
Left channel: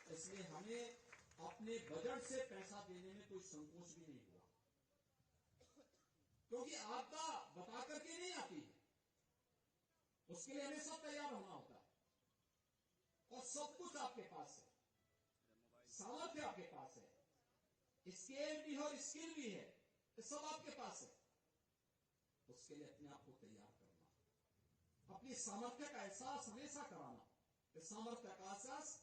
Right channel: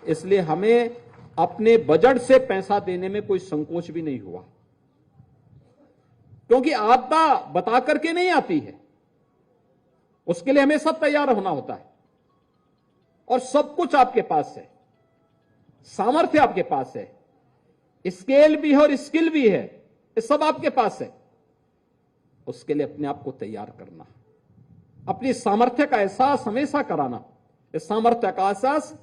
इसलिए हमें अपने बजट से पैसा देने में कोई संकोच भी नहीं हुआ। क्योंकि आपदा बता करके नहीं आती है, उसके लिए हमें सब तैयार होना होता है। और सब कुछ आपके पास है, सामर्थ्य आपके पास है, स्केल भी है और स्किल भी है, ये सब आपके पास है। उसके लिए अपने आप को तैयार करना, अपनी सामर्थ्य का एहसास हमेशा कराना। इस सामर्थ्य का एहसास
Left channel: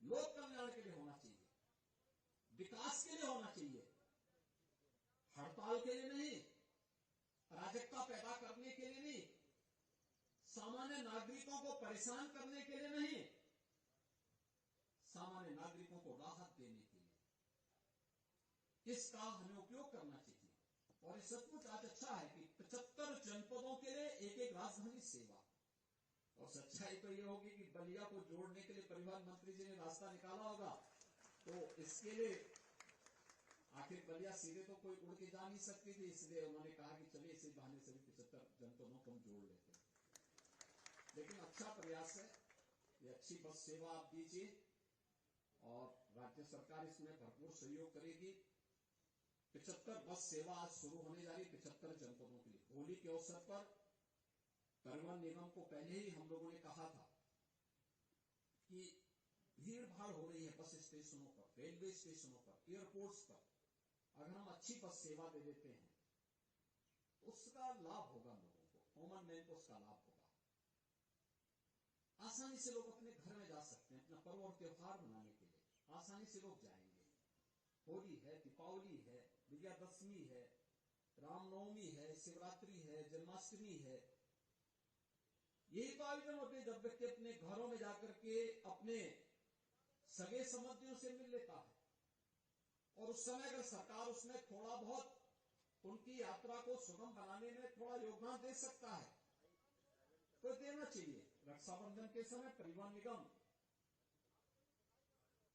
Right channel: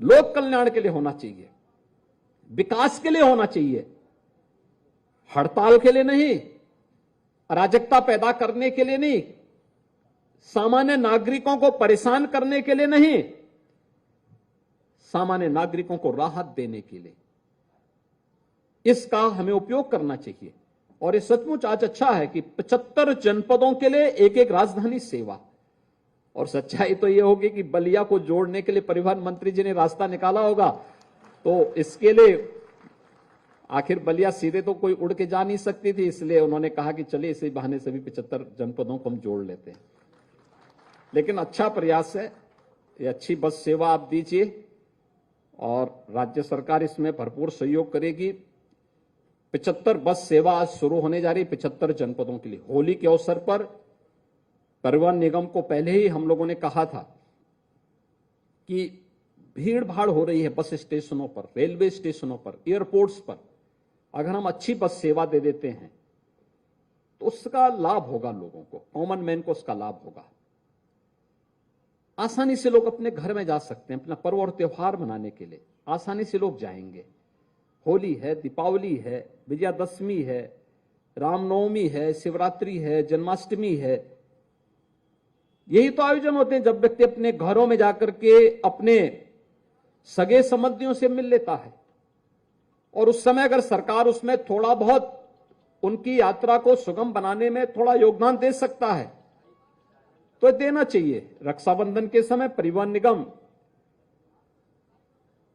लोक कल्याण के लिए होना चाहिए, विकास के लिए होना चाहिए, हड़ताल के लिए नहीं, अराजकता पैदा करने के लिए नहीं, सामान्य नागरिकों को परेशान करने के लिए नहीं, सामान्य नागरिकों को राहत देने के लिए इसका हमें उपयोग करना चाहिए। और ये सचमुच आज अच्छा है कि 75 जनपदों के लिए एक एक राजधानी सेवा। और सच्चाई तो ये होगी कि बलिया को जोड़ने के लिए परिवहन मंत्री जी ने रास्ता निकाला होगा, तो इसके लिए आखिर बलिया सीधे तो कोई उड़ के जा नहीं सकती थी, इसलिए उन्होंने कहा कि चलिए इसी बहाने सभी 75 जनपदों को हम जोड़ लेते हैं। लेकिन अच्छा प्रयास है, ये अच्छी बस सेवा आप दीजिए और राज्य सरकार इसमें भरपूर सहयोग करेगी। 75 बस सेवा आज शुरू होने जा रही 75 जनपदों के लिए। होली के अवसर पर परिवहन निगम को पहले ही हम लोगों ने कहा था कि भीड़ भाड़ हो रही है बस स्टेशनों पर, रेलवे स्टेशनों पर, एयरपोर्ट्स पर। अगर हम अच्छी बस सेवा दे देते हैं तो उसका लाभ होगा लोगों को, कॉमन मैन को उसका लाभ होगा। आसानी से लोग अपने घर में जा सकते हैं, अपना पर्व और त्योहार मनाने के लिए आसानी से लोग जाएंगे। होली है, दीपावली है, विजयादशमी है, रामनवमी है, शिवरात्रि है, जन्माष्टमी है। यही तो आयोजन होते हैं जब व्यक्ति अपने घरों में जाकर के अपने सगे संबंधियों से मिल लेता है। और उस समय अगर सरकार उसमें थोड़ा बहुत उनकी यात्रा को सुगम बनाने में थोड़ा योगदान दे सकता है तो देना चाहिए। रक्षाबंधन के समय परिवहन निगम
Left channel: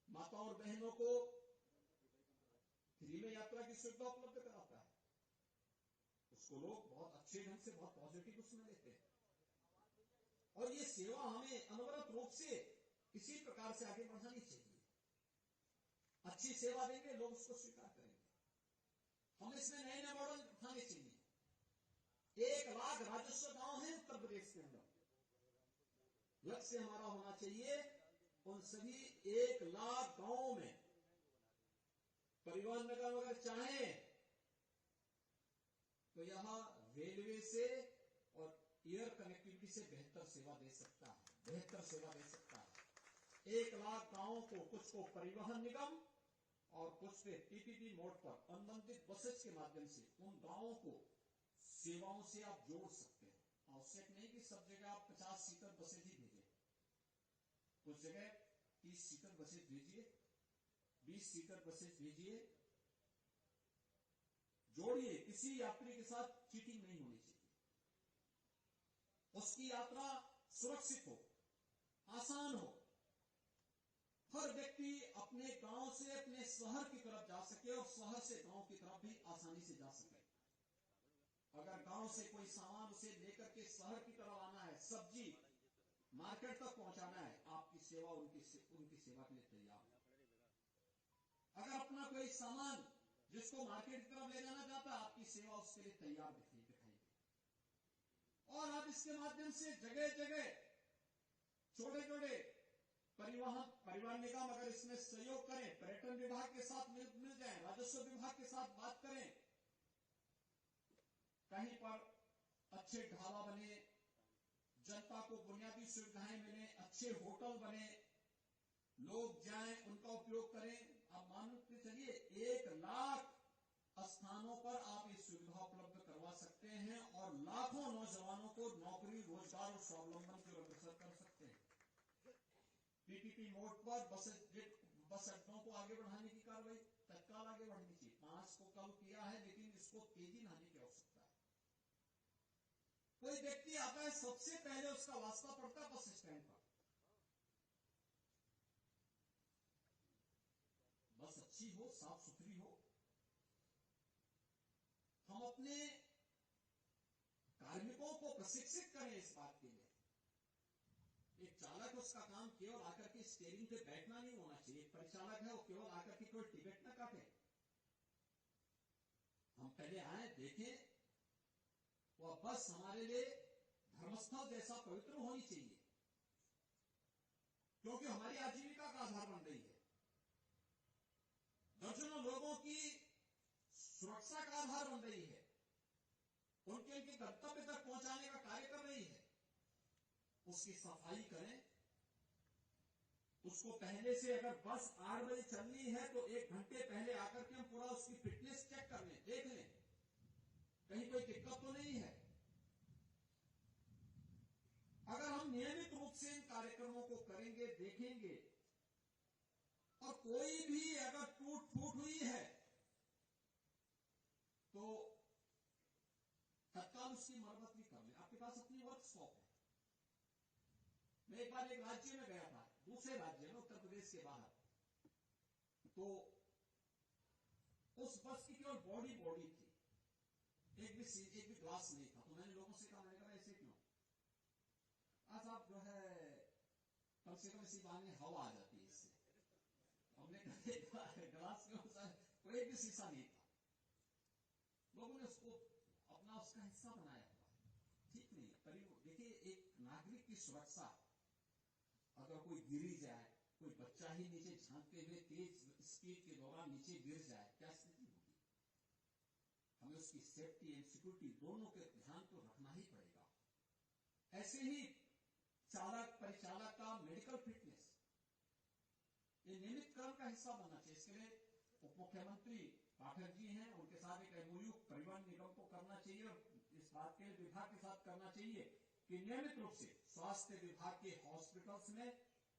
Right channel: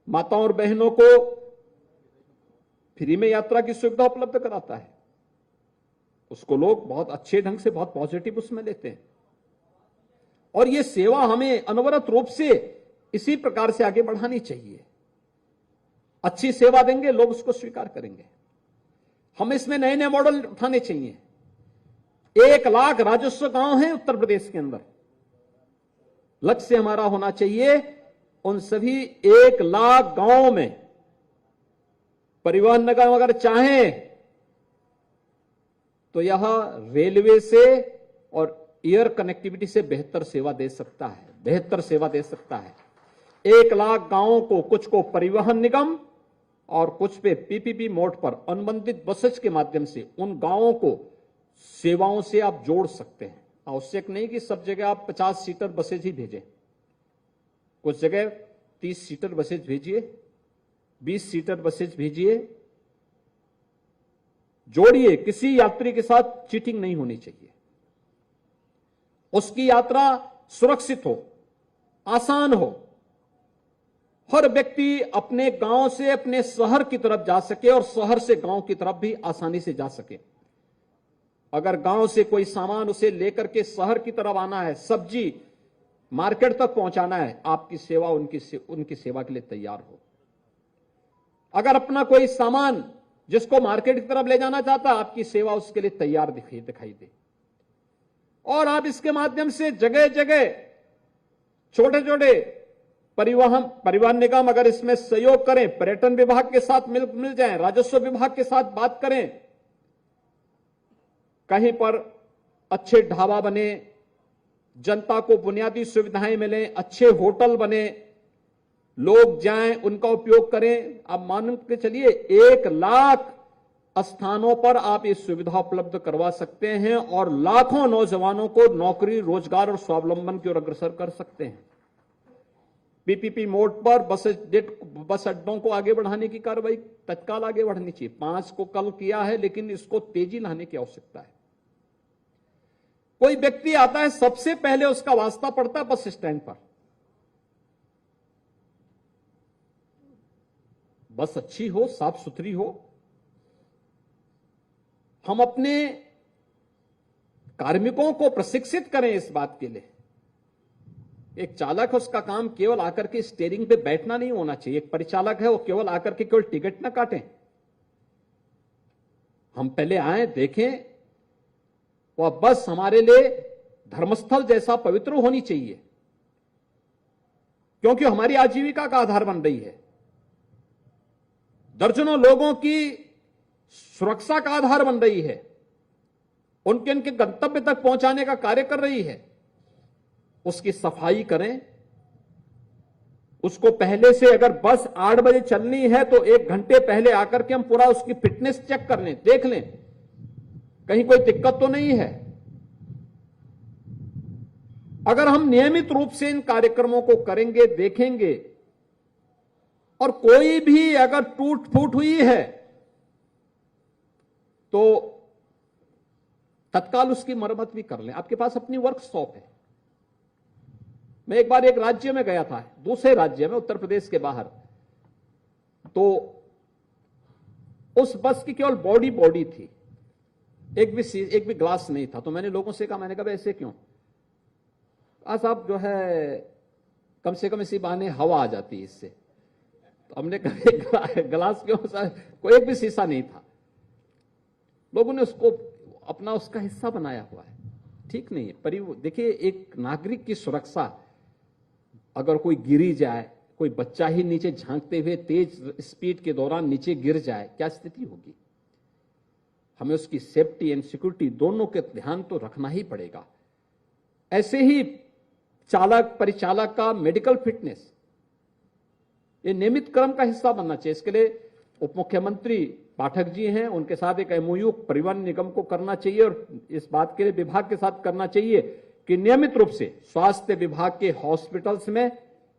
माताओं और बहनों को फ्री में यात्रा की सुविधा उपलब्ध कराता है। उसको लोग बहुत अच्छे ढंग से, बहुत पॉजिटिव उसमें लेते हैं। और ये सेवा हमें अनवरत रूप से इसी प्रकार से आगे बढ़ानी चाहिए। अच्छी सेवा देंगे, लोग उसको स्वीकार करेंगे। हम इसमें नए नए मॉडल उठाने चाहिए। 1 लाख राजस्व गांव हैं उत्तर प्रदेश के अंदर। लक्ष्य हमारा होना चाहिए उन सभी 1 लाख गांवों में परिवहन निगम अगर चाहें तो यह रेलवे से और एयर कनेक्टिविटी से बेहतर सेवा दे सकता है, बेहतर सेवा दे सकता है। 1 लाख गांवों को, कुछ को परिवहन निगम और कुछ पे पीपीपी मोड पर अनुबंधित बसेज के माध्यम से उन गांवों को सेवाओं से आप जोड़ सकते हैं। आवश्यक नहीं कि सब जगह आप 50 सीटर बसेज ही भेजें। कुछ जगह 30 सीटर बसेज भेजिए, 20 सीटर बसेज भेजिए, जोड़िए। किसी यात्री के साथ चीटिंग नहीं होनी चाहिए। उसकी यात्रा सुरक्षित हो, आसान हो। हर व्यक्ति अपने गांव से अपने शहर की तरफ जा सके और शहर से गांव की तरफ भी आसानी से जा सके। अगर गांव से कोई सामान उसे लेकर के शहर की तरफ आना है, सब्जी मार्केट तक पहुंचाना है, आपकी सेवा उनकी सेवा के लिए तैयार हो। अगर अपना कोई सामान जिसको मार्केट की तरफ ले जाना चाहता है, आपकी सेवा उसके लिए तैयार दिखाई दे। और आप इसके माध्यम से जगह जगह छोटे छोटे परिवहन निगम अगर इसमें सहयोग करें, पर्यटन विभाग के साथ मिल जाएं, राजस्व विभाग के साथ बात करें, कहीं पर अच्छे ढाबा बने, जनता को बुनियादी सुविधाएं मिले, अच्छे होटल बने, लोग जाएं, उनका उपयोग करें। आप मान के चलिए 1 लाख स्थानों पर आप ये सुविधा उपलब्ध करवा सकते हैं और लाखों नौजवानों को नौकरी, रोजगार और स्वावलंबन की ओर अग्रसर कर सकते हैं। पीपीपी मोड पर बस अड्डों को आगे बढ़ाने की कार्रवाई तत्काल आगे बढ़नी चाहिए। 5 को कल किया है, लेकिन इसको तेजी लाने की आवश्यकता है। कोई व्यक्ति आता है, सबसे पहले उसका वास्ता पड़ता है बस स्टैंड पर। बस अच्छी हो, साफ सुथरी हो। हम अपने कार्मिकों को प्रशिक्षित करें इस बात के लिए। एक चालक है, उसका काम केवल आकर के स्टीयरिंग पे बैठना नहीं होना चाहिए। एक परिचालक है, वो केवल आकर के केवल टिकट ना काटें। हम पहले आए, देखें, वह बस हमारे लिए धर्मस्थल जैसा पवित्र होनी चाहिए, क्योंकि हमारी आजीविका का आधार बन रही है। दर्जनों लोगों की सुरक्षा का आधार बन रही है, उनके गंतव्य तक पहुंचाने का कार्य कर रही है। उसकी सफाई करें। उसको पहले से, अगर बस 8 बजे चलनी है तो 1 घंटे पहले आकर के हम पूरा उसकी फिटनेस चेक कर लें, देख लें कहीं कोई दिक्कत तो नहीं है। अगर हम नियमित रूप से इन कार्यक्रमों को करेंगे, देखेंगे, और कोई भी अगर टूट फूट हुई है तो तत्काल उसकी मरम्मत भी कर लें। आपके पास अपनी वर्कशॉप है। मैं एक बार एक राज्य में गया था, दूसरे राज्य में, उत्तर प्रदेश के बाहर, तो उस बस की केवल बॉडी थी, एक भी ग्लास नहीं था। तो मैंने लोगों से कहा, मैंने कहा ऐसे क्यों? साहब जो है कम से कम इसी बहाने हवा आ जाती है इससे। तो हमने कहा ग्लास क्यों? कोई एक भी शीशा नहीं था। लोगों ने उसको अपना उसका हिस्सा बनाया हुआ है। ठीक नहीं है। देखिए, एक नागरिक की सुरक्षा, अगर कोई गिरी जाए, कोई बच्चा ही नीचे झांकते हुए तेज स्पीड के दौरान नीचे गिर जाए, क्या स्थिति होगी? हमें उसकी सेफ्टी एंड सिक्योरिटी दोनों के ध्यान तो रखना ही पड़ेगा। ऐसे ही चालक परिचालक का मेडिकल फिटनेस, ये नियमित क्रम का हिस्सा बनना चाहिए। इसके लिए उप मुख्यमंत्री पाठक जी हैं, उनके साथ एक एमओयू परिवहन निगम को करना चाहिए और इस बात के लिए विभाग के साथ करना चाहिए कि नियमित रूप से स्वास्थ्य विभाग के हॉस्पिटल्स में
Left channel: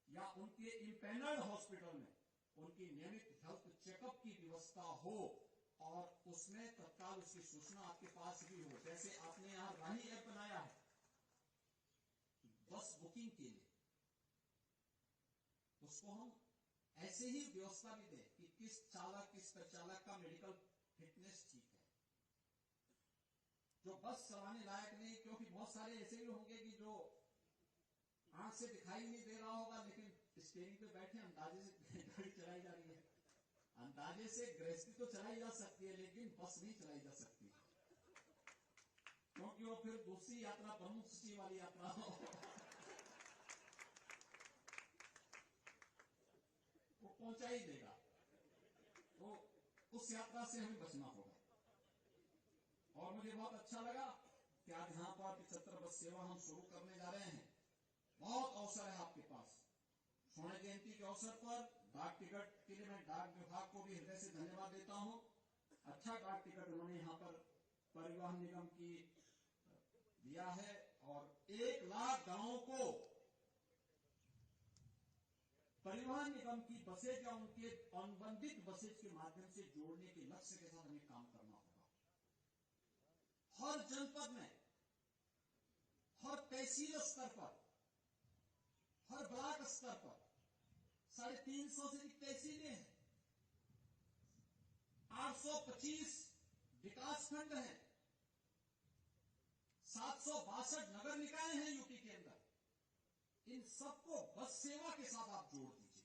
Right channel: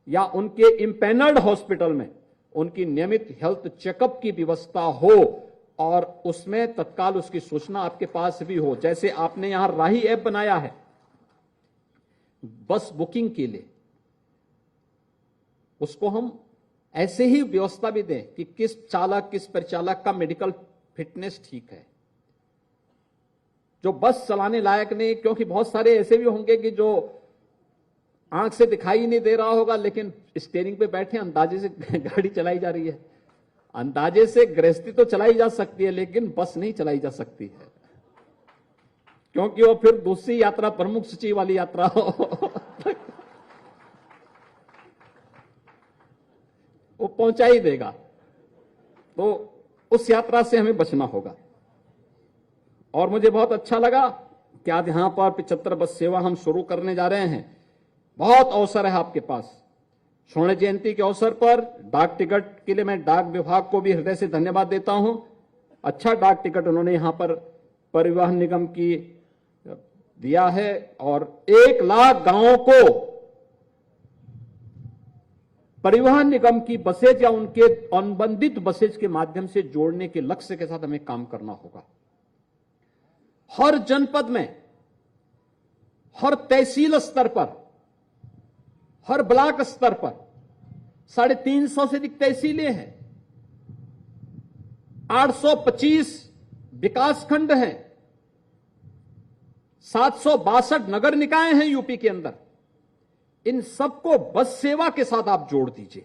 या उनके इंपैनल्ड हॉस्पिटल में उनकी नियमित हेल्थ चेकअप की व्यवस्था हो और उसमें तत्काल उसकी सूचना आपके पास भी हो। जैसे आपने यहां राही ऐप बनाया है बस बुकिंग के लिए, उसको हम ऐसे ही व्यवस्था भी दें कि किस चालक किस परिचालक का मेडिकल फिटनेस ठीक है, जो बस चलाने लायक नहीं। क्योंकि बहुत सारे ऐसे भी होंगे कि जो आंख से दिखाई नहीं दे रहा होगा लेकिन स्टीयरिंग पे बैठे अंदाजे से गाड़ी चलाई जा रही है। अंदाजे से गृहस्थी तो चलाई जा सकती है लेकिन बस नहीं चलाई जा सकती है, क्योंकि वो फिर दूसरी यात्रा प्रमुख सूची वाली यात्रा हो वो पहुंचा ही देगा, तो उस यात्रा से हमें बचना होगा। और मुझे बहुत अच्छा लगा कि आज यहां पर 75 बस सेवा हम शुरू करने जा रहे हैं। बहुत अवसर है आपके पास। स्वर्ण जयंती के अवसर पर डाक टिकट के लिए मैं डाक विभाग को भी हृदय से धन्यवाद देता हूं। अच्छा डाक टिकट उन्होंने यहां पर परिवहन निगम की दिया है और 1 लाख गांवों को परिवहन निगम की बसेज या उनके अनुबंधित बसेज के माध्यम से जोड़ने के लक्ष्य के साथ हमें काम करना होगा। हर जनपद में, हर तहसील स्तर पर, हर ब्लॉक स्तर पर 350 से अधिक तहसीलें हैं, 825 विकासखंड हैं, 762 नगर निकाय हैं यूपी के अंदर। इन सबको बस सेवा के साथ आप जोड़ दीजिए।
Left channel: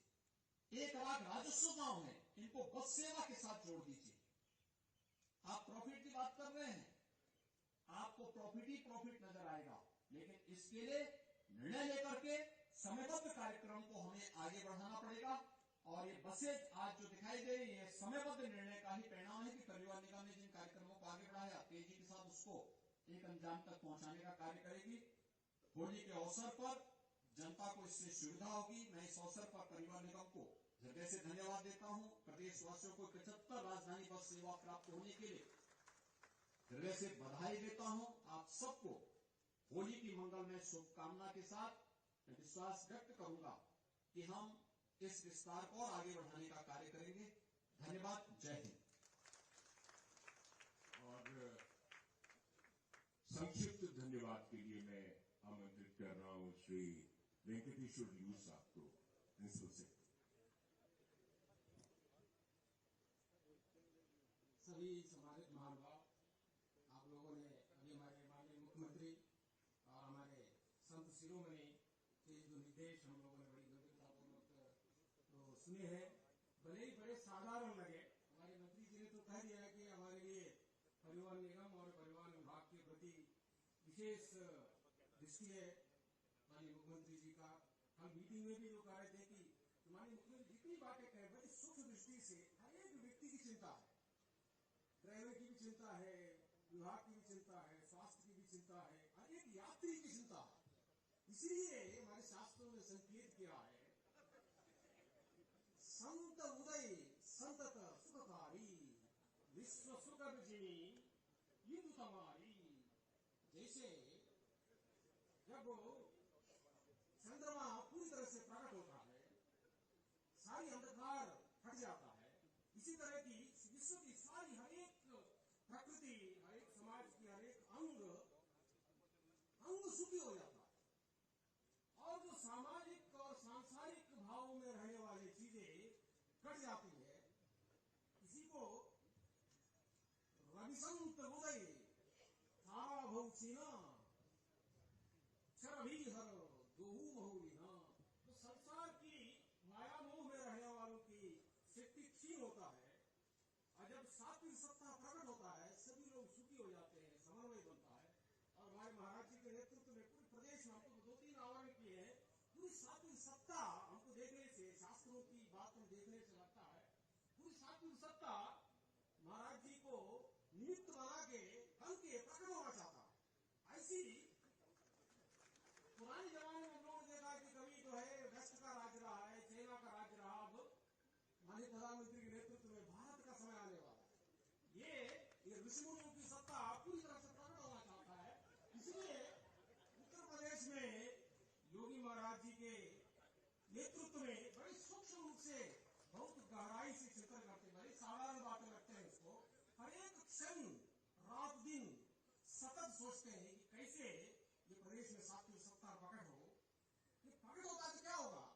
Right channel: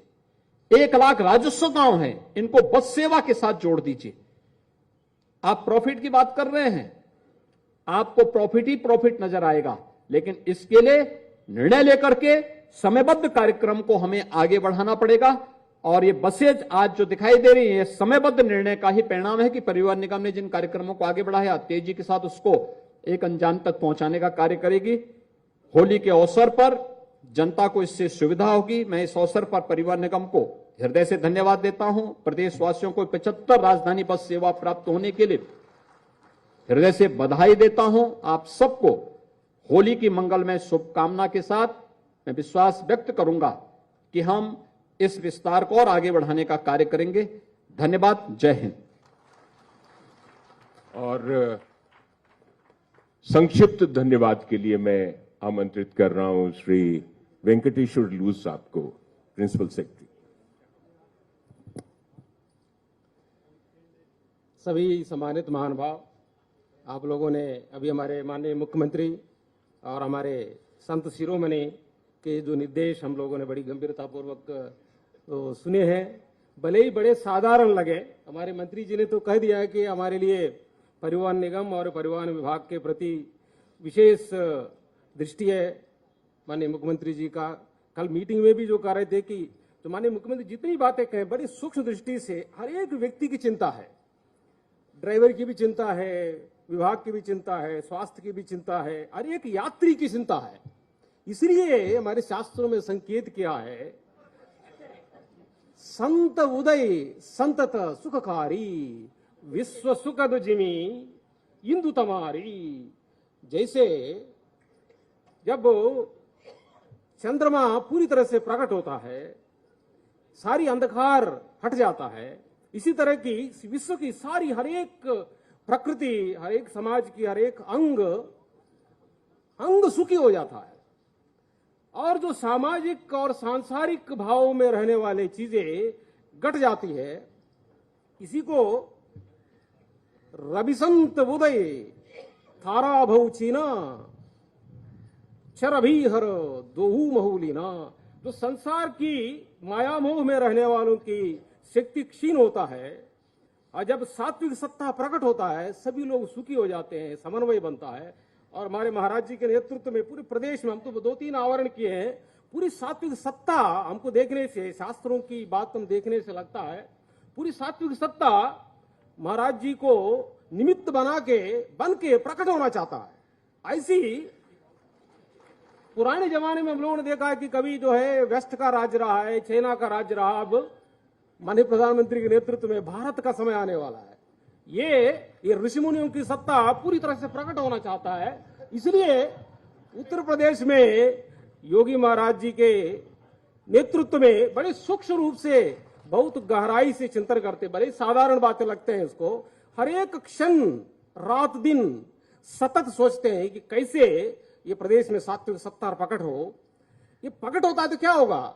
1 लाख राजस्व गांव हैं, इनको बस सेवा के साथ जोड़ दीजिए। आप प्रॉफिट की बात कर रहे हैं, आपको प्रॉफिट ही प्रॉफिट नजर आएगा, लेकिन इसके लिए निर्णय लेकर के समयबद्ध कार्यक्रम को हमें आगे बढ़ाना पड़ेगा। और ये बसेज आज जो दिखाई दे रही है, समयबद्ध निर्णय का ही परिणाम है कि परिवहन निगम ने जिन कार्यक्रमों को आगे बढ़ाया, तेजी के साथ उसको एक अंजाम तक पहुंचाने का कार्य करेगी। होली के अवसर पर जनता को इससे सुविधा होगी। मैं इस अवसर पर परिवहन निगम को हृदय से धन्यवाद देता हूं। प्रदेशवासियों को 75 राजधानी बस सेवा प्राप्त होने के लिए हृदय से बधाई देता हूं। आप सबको होली की मंगलमय शुभकामना के साथ मैं विश्वास व्यक्त करूंगा कि हम इस विस्तार को और आगे बढ़ाने का कार्य करेंगे। धन्यवाद। जय हिंद। और संक्षिप्त धन्यवाद के लिए मैं आमंत्रित कर रहा हूं श्री वेंकटेश्वर लूज साहब को, प्रिंसिपल सेक्रेटरी। सभी सम्मानित महानुभाव, आप लोगों ने अभी हमारे माननीय मुख्यमंत्री और हमारे संत शिरोमणि के जो निर्देश हम लोगों ने बड़ी गंभीरतापूर्वक तो सुने हैं, भले ही बड़े साधारण लगे। हमारे मंत्री जी ने तो कह दिया है कि हमारे लिए परिवहन निगम और परिवहन विभाग के प्रति विशेष दृष्टि है माननीय मुख्यमंत्री जी का। कल मीटिंग में भी जो कह रहे थे कि तो माननीय मुख्यमंत्री जितनी बातें कहें बड़ी सूक्ष्म दृष्टि से, हर एक व्यक्ति की चिंता है, ड्राइवर की भी चिंता है, विभाग की भी चिंता है, स्वास्थ्य की भी चिंता है, हर एक यात्री की चिंता है। इसलिए हमारे शास्त्रों में संकेत किया है, संत उदय संतत सुखकारी, विश्व सुखद जिमी इंदु तमारी। जैसे जब चंद्रमा पूरी तरह से प्रकट होता है, सारी अंधकार हट जाता है, इसी तरह की विश्व की सारी हर एक प्रकृति, हर एक समाज की हर एक अंग सुखी हो जाता है। और जो सामाजिक और सांसारिक भाव में रहने वाली चीजें घट जाती है। इसी को रविसंत उदय थारा भौचीना चरभीहर दोहू महूलिना। जो संसार की माया मोह में रहने वालों की शक्ति क्षीण होता है और जब सात्विक सत्ता प्रकट होता है सभी लोग सुखी हो जाते हैं, समन्वय बनता है। और हमारे महाराज जी के नेतृत्व में पूरे प्रदेश में हम तो 2-3 आवरण किए हैं, पूरी सात्विक सत्ता हमको देखने से, शास्त्रों की बात हम देखने से लगता है पूरी सात्विक सत्ता महाराज जी को निमित्त बन के प्रकट होना चाहता है। ऐसी पुराने जमाने में हम लोगों ने देखा है कि कभी जो है वेस्ट का राज्य रहा है, चाइना का राज्य रहा, अब माननीय प्रधानमंत्री के नेतृत्व में भारत का समय आने वाला है। ये ऋषि मुनियों की सत्ता पूरी तरह से प्रकट होना चाहता है। इसलिए उत्तर प्रदेश में योगी महाराज जी के नेतृत्व में बड़े सूक्ष्म रूप से, बहुत गहराई से चिंतन करते, बड़े साधारण बातें लगते हैं इसको, हर एक क्षण रात दिन सतत सोचते हैं कि कैसे ये प्रदेश में सात्विक सत्ता प्रकट हो। ये प्रकट होता है तो क्या होगा?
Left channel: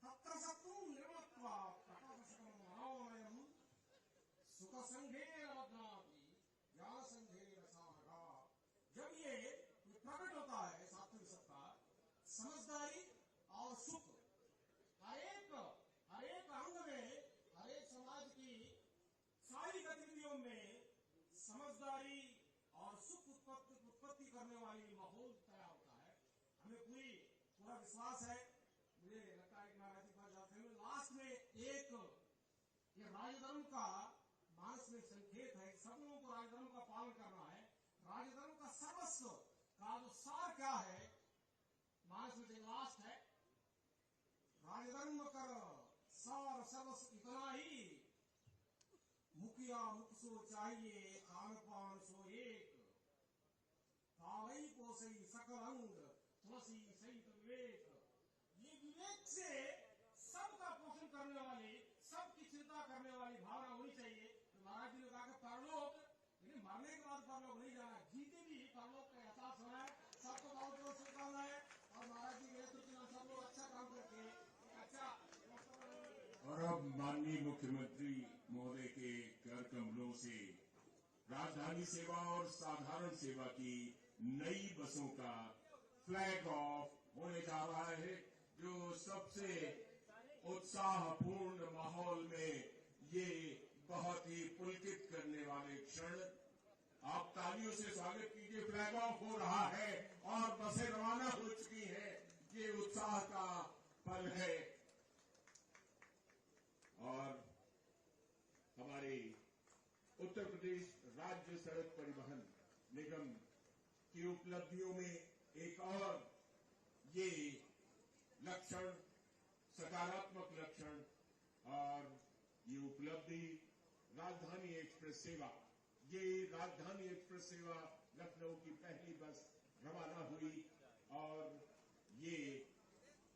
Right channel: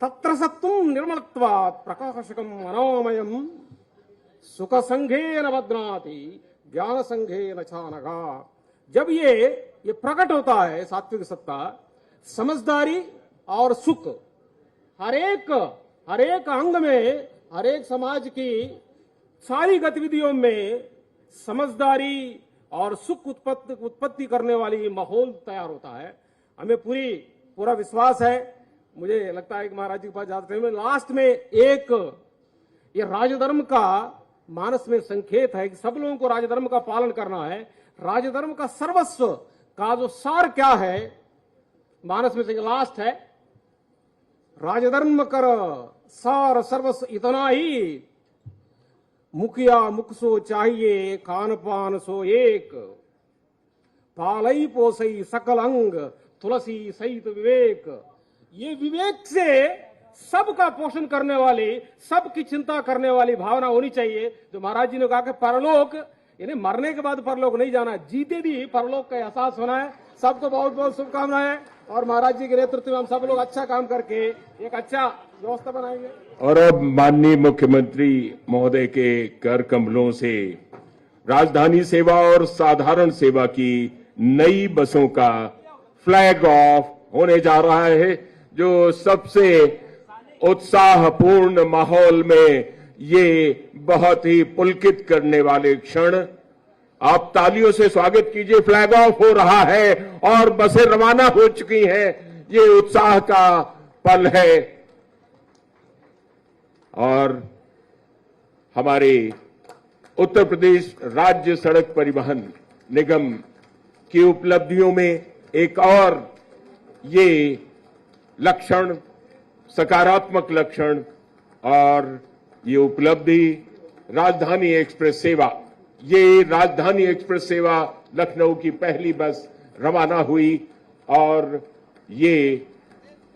तत्र सत्वं निर्मलत्वात् प्रकाशकम मनोमयम सुख संघे न बध्नाति ज्ञान संघे न चानगा। जब ये प्रकट होता है सात्विक सत्ता, समझदारी और सुख हर एक अंग में, हर एक समाज की सारी गतिविधियों में समझदारी और सुख उत्पत्ति करने वाली माहौल तैयार होता है। हमें पूरा विश्वास है। मुझे लगता है कि महाराज जी के पास जाते हैं लास्ट में एक ये राजधर्म का मानस में संकेत है कि सब लोगों को राजधर्म का पालन करना है। राजधर्म का सर्वस्व का जो सार क्या है, मानस में से लास्ट है, राजधर्म कर सार सर्वस्व इतना ही, मुखिया मुख सो चाहिए खान पान सो एक, पालई पोसई सकल अंग तुलसी सहित विवेक। ये विवेक से सबका पोषण करने वाली, सबकी चिंता करने वाली भावना होनी चाहिए। जो महाराज जी ने कहा कि परलोक, यानी मरने के बाद परलोक नहीं जाना, जीते भी परलोक का एहसास होना है। सबको बहुत बहुत शुभकामनाएं और महाराज जी के नेतृत्व में हम सब लोग अच्छा काम करके एक अच्छा व्यवस्था बनाएंगे। और अब माननीय मुख्यमंत्री महोदय के कर कमलों से राजधानी सेवा और साधारण सेवा की नई बसों का फ्लैग ऑफ होने जा रहा है, जो सबसे उत्साहपूर्ण माहौल में ये बहुत ही पुलकित करने वाले क्षण। आप तालियों से स्वागत कीजिए। फ्लैग ऑफ हो रहा है और बसें रवाना हो चुकी हैं। ये उत्साह का पल है और हमारे उत्तर प्रदेश राज्य सड़क परिवहन निगम की उपलब्धियों में एक और ये लक्षण, सकारात्मक लक्षण और ये उपलब्धि राजधानी एक्सप्रेस सेवा। ये राजधानी एक्सप्रेस सेवा लखनऊ की पहली बस रवाना हुई और ये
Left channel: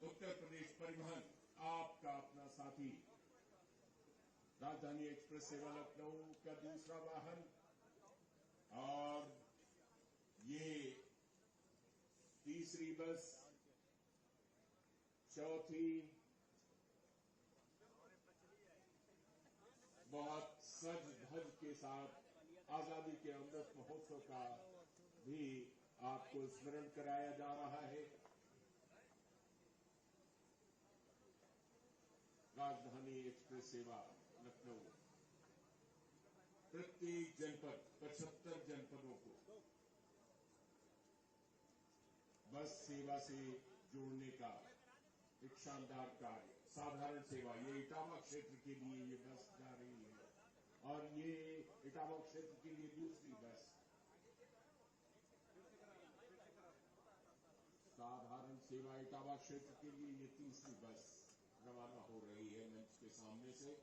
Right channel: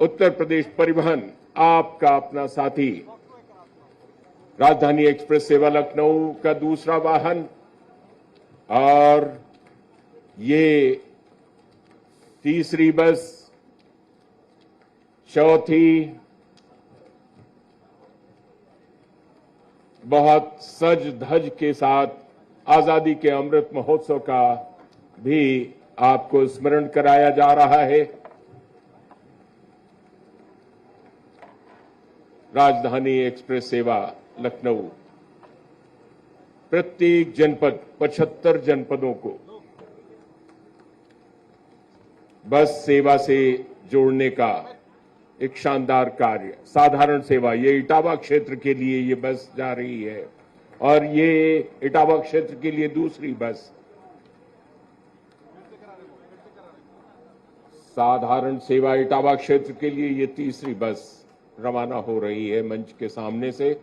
उत्तर प्रदेश परिवहन आपका अपना साथी राजधानी एक्सप्रेस सेवा लखनऊ का दूसरा वाहन और ये तीसरी बस, चौथी, बहुत सज धज के साथ आजादी के अमृत महोत्सव का भी आपको स्मरण कराया जा रहा है। राजधानी एक्सप्रेस सेवा लखनऊ प्रत्येक जनपद, 75 जनपदों को बस सेवा से जोड़ने का एक शानदार कार्य। साधारण सेवा, ये इटावा क्षेत्र के लिए ये बस जा रही है और ये इटावा क्षेत्र के लिए दूसरी बस। साधारण सेवा इटावा क्षेत्र के लिए ये तीसरी बस रवाना हो रही है मंच के सामने से।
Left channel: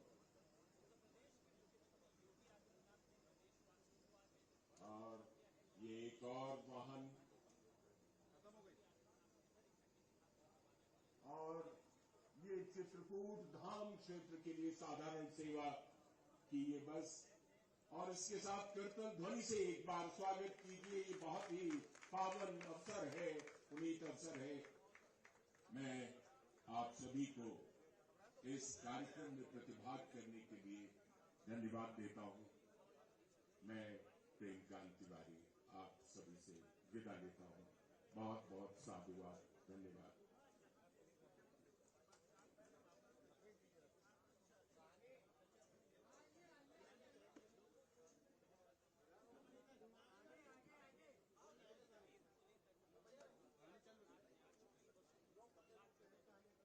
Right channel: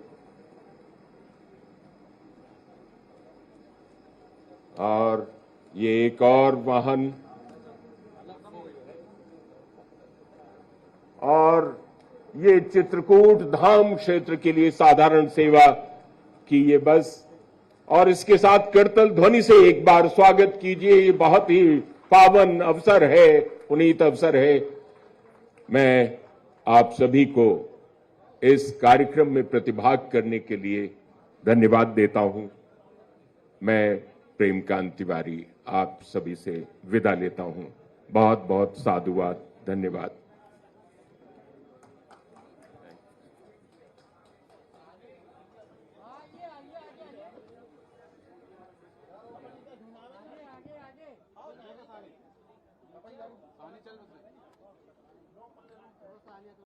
और ये एक और वाहन और ये चित्रकूट धाम क्षेत्र के लिए साधारण सेवा की ये बस। और इसके साथ करतल ध्वनि से एक बार स्वागत कीजिए। ये बहुत ही पावन अवसर है, पुनीत अवसर है। मैं आप सभी को इस कार्यक्रम में प्रतिभाग करने के लिए धन्यवाद देता हूं। मैं प्रेमकांत तिवारी आप सभी से विदा लेता हूं। बहुत बहुत साधुवाद, धन्यवाद।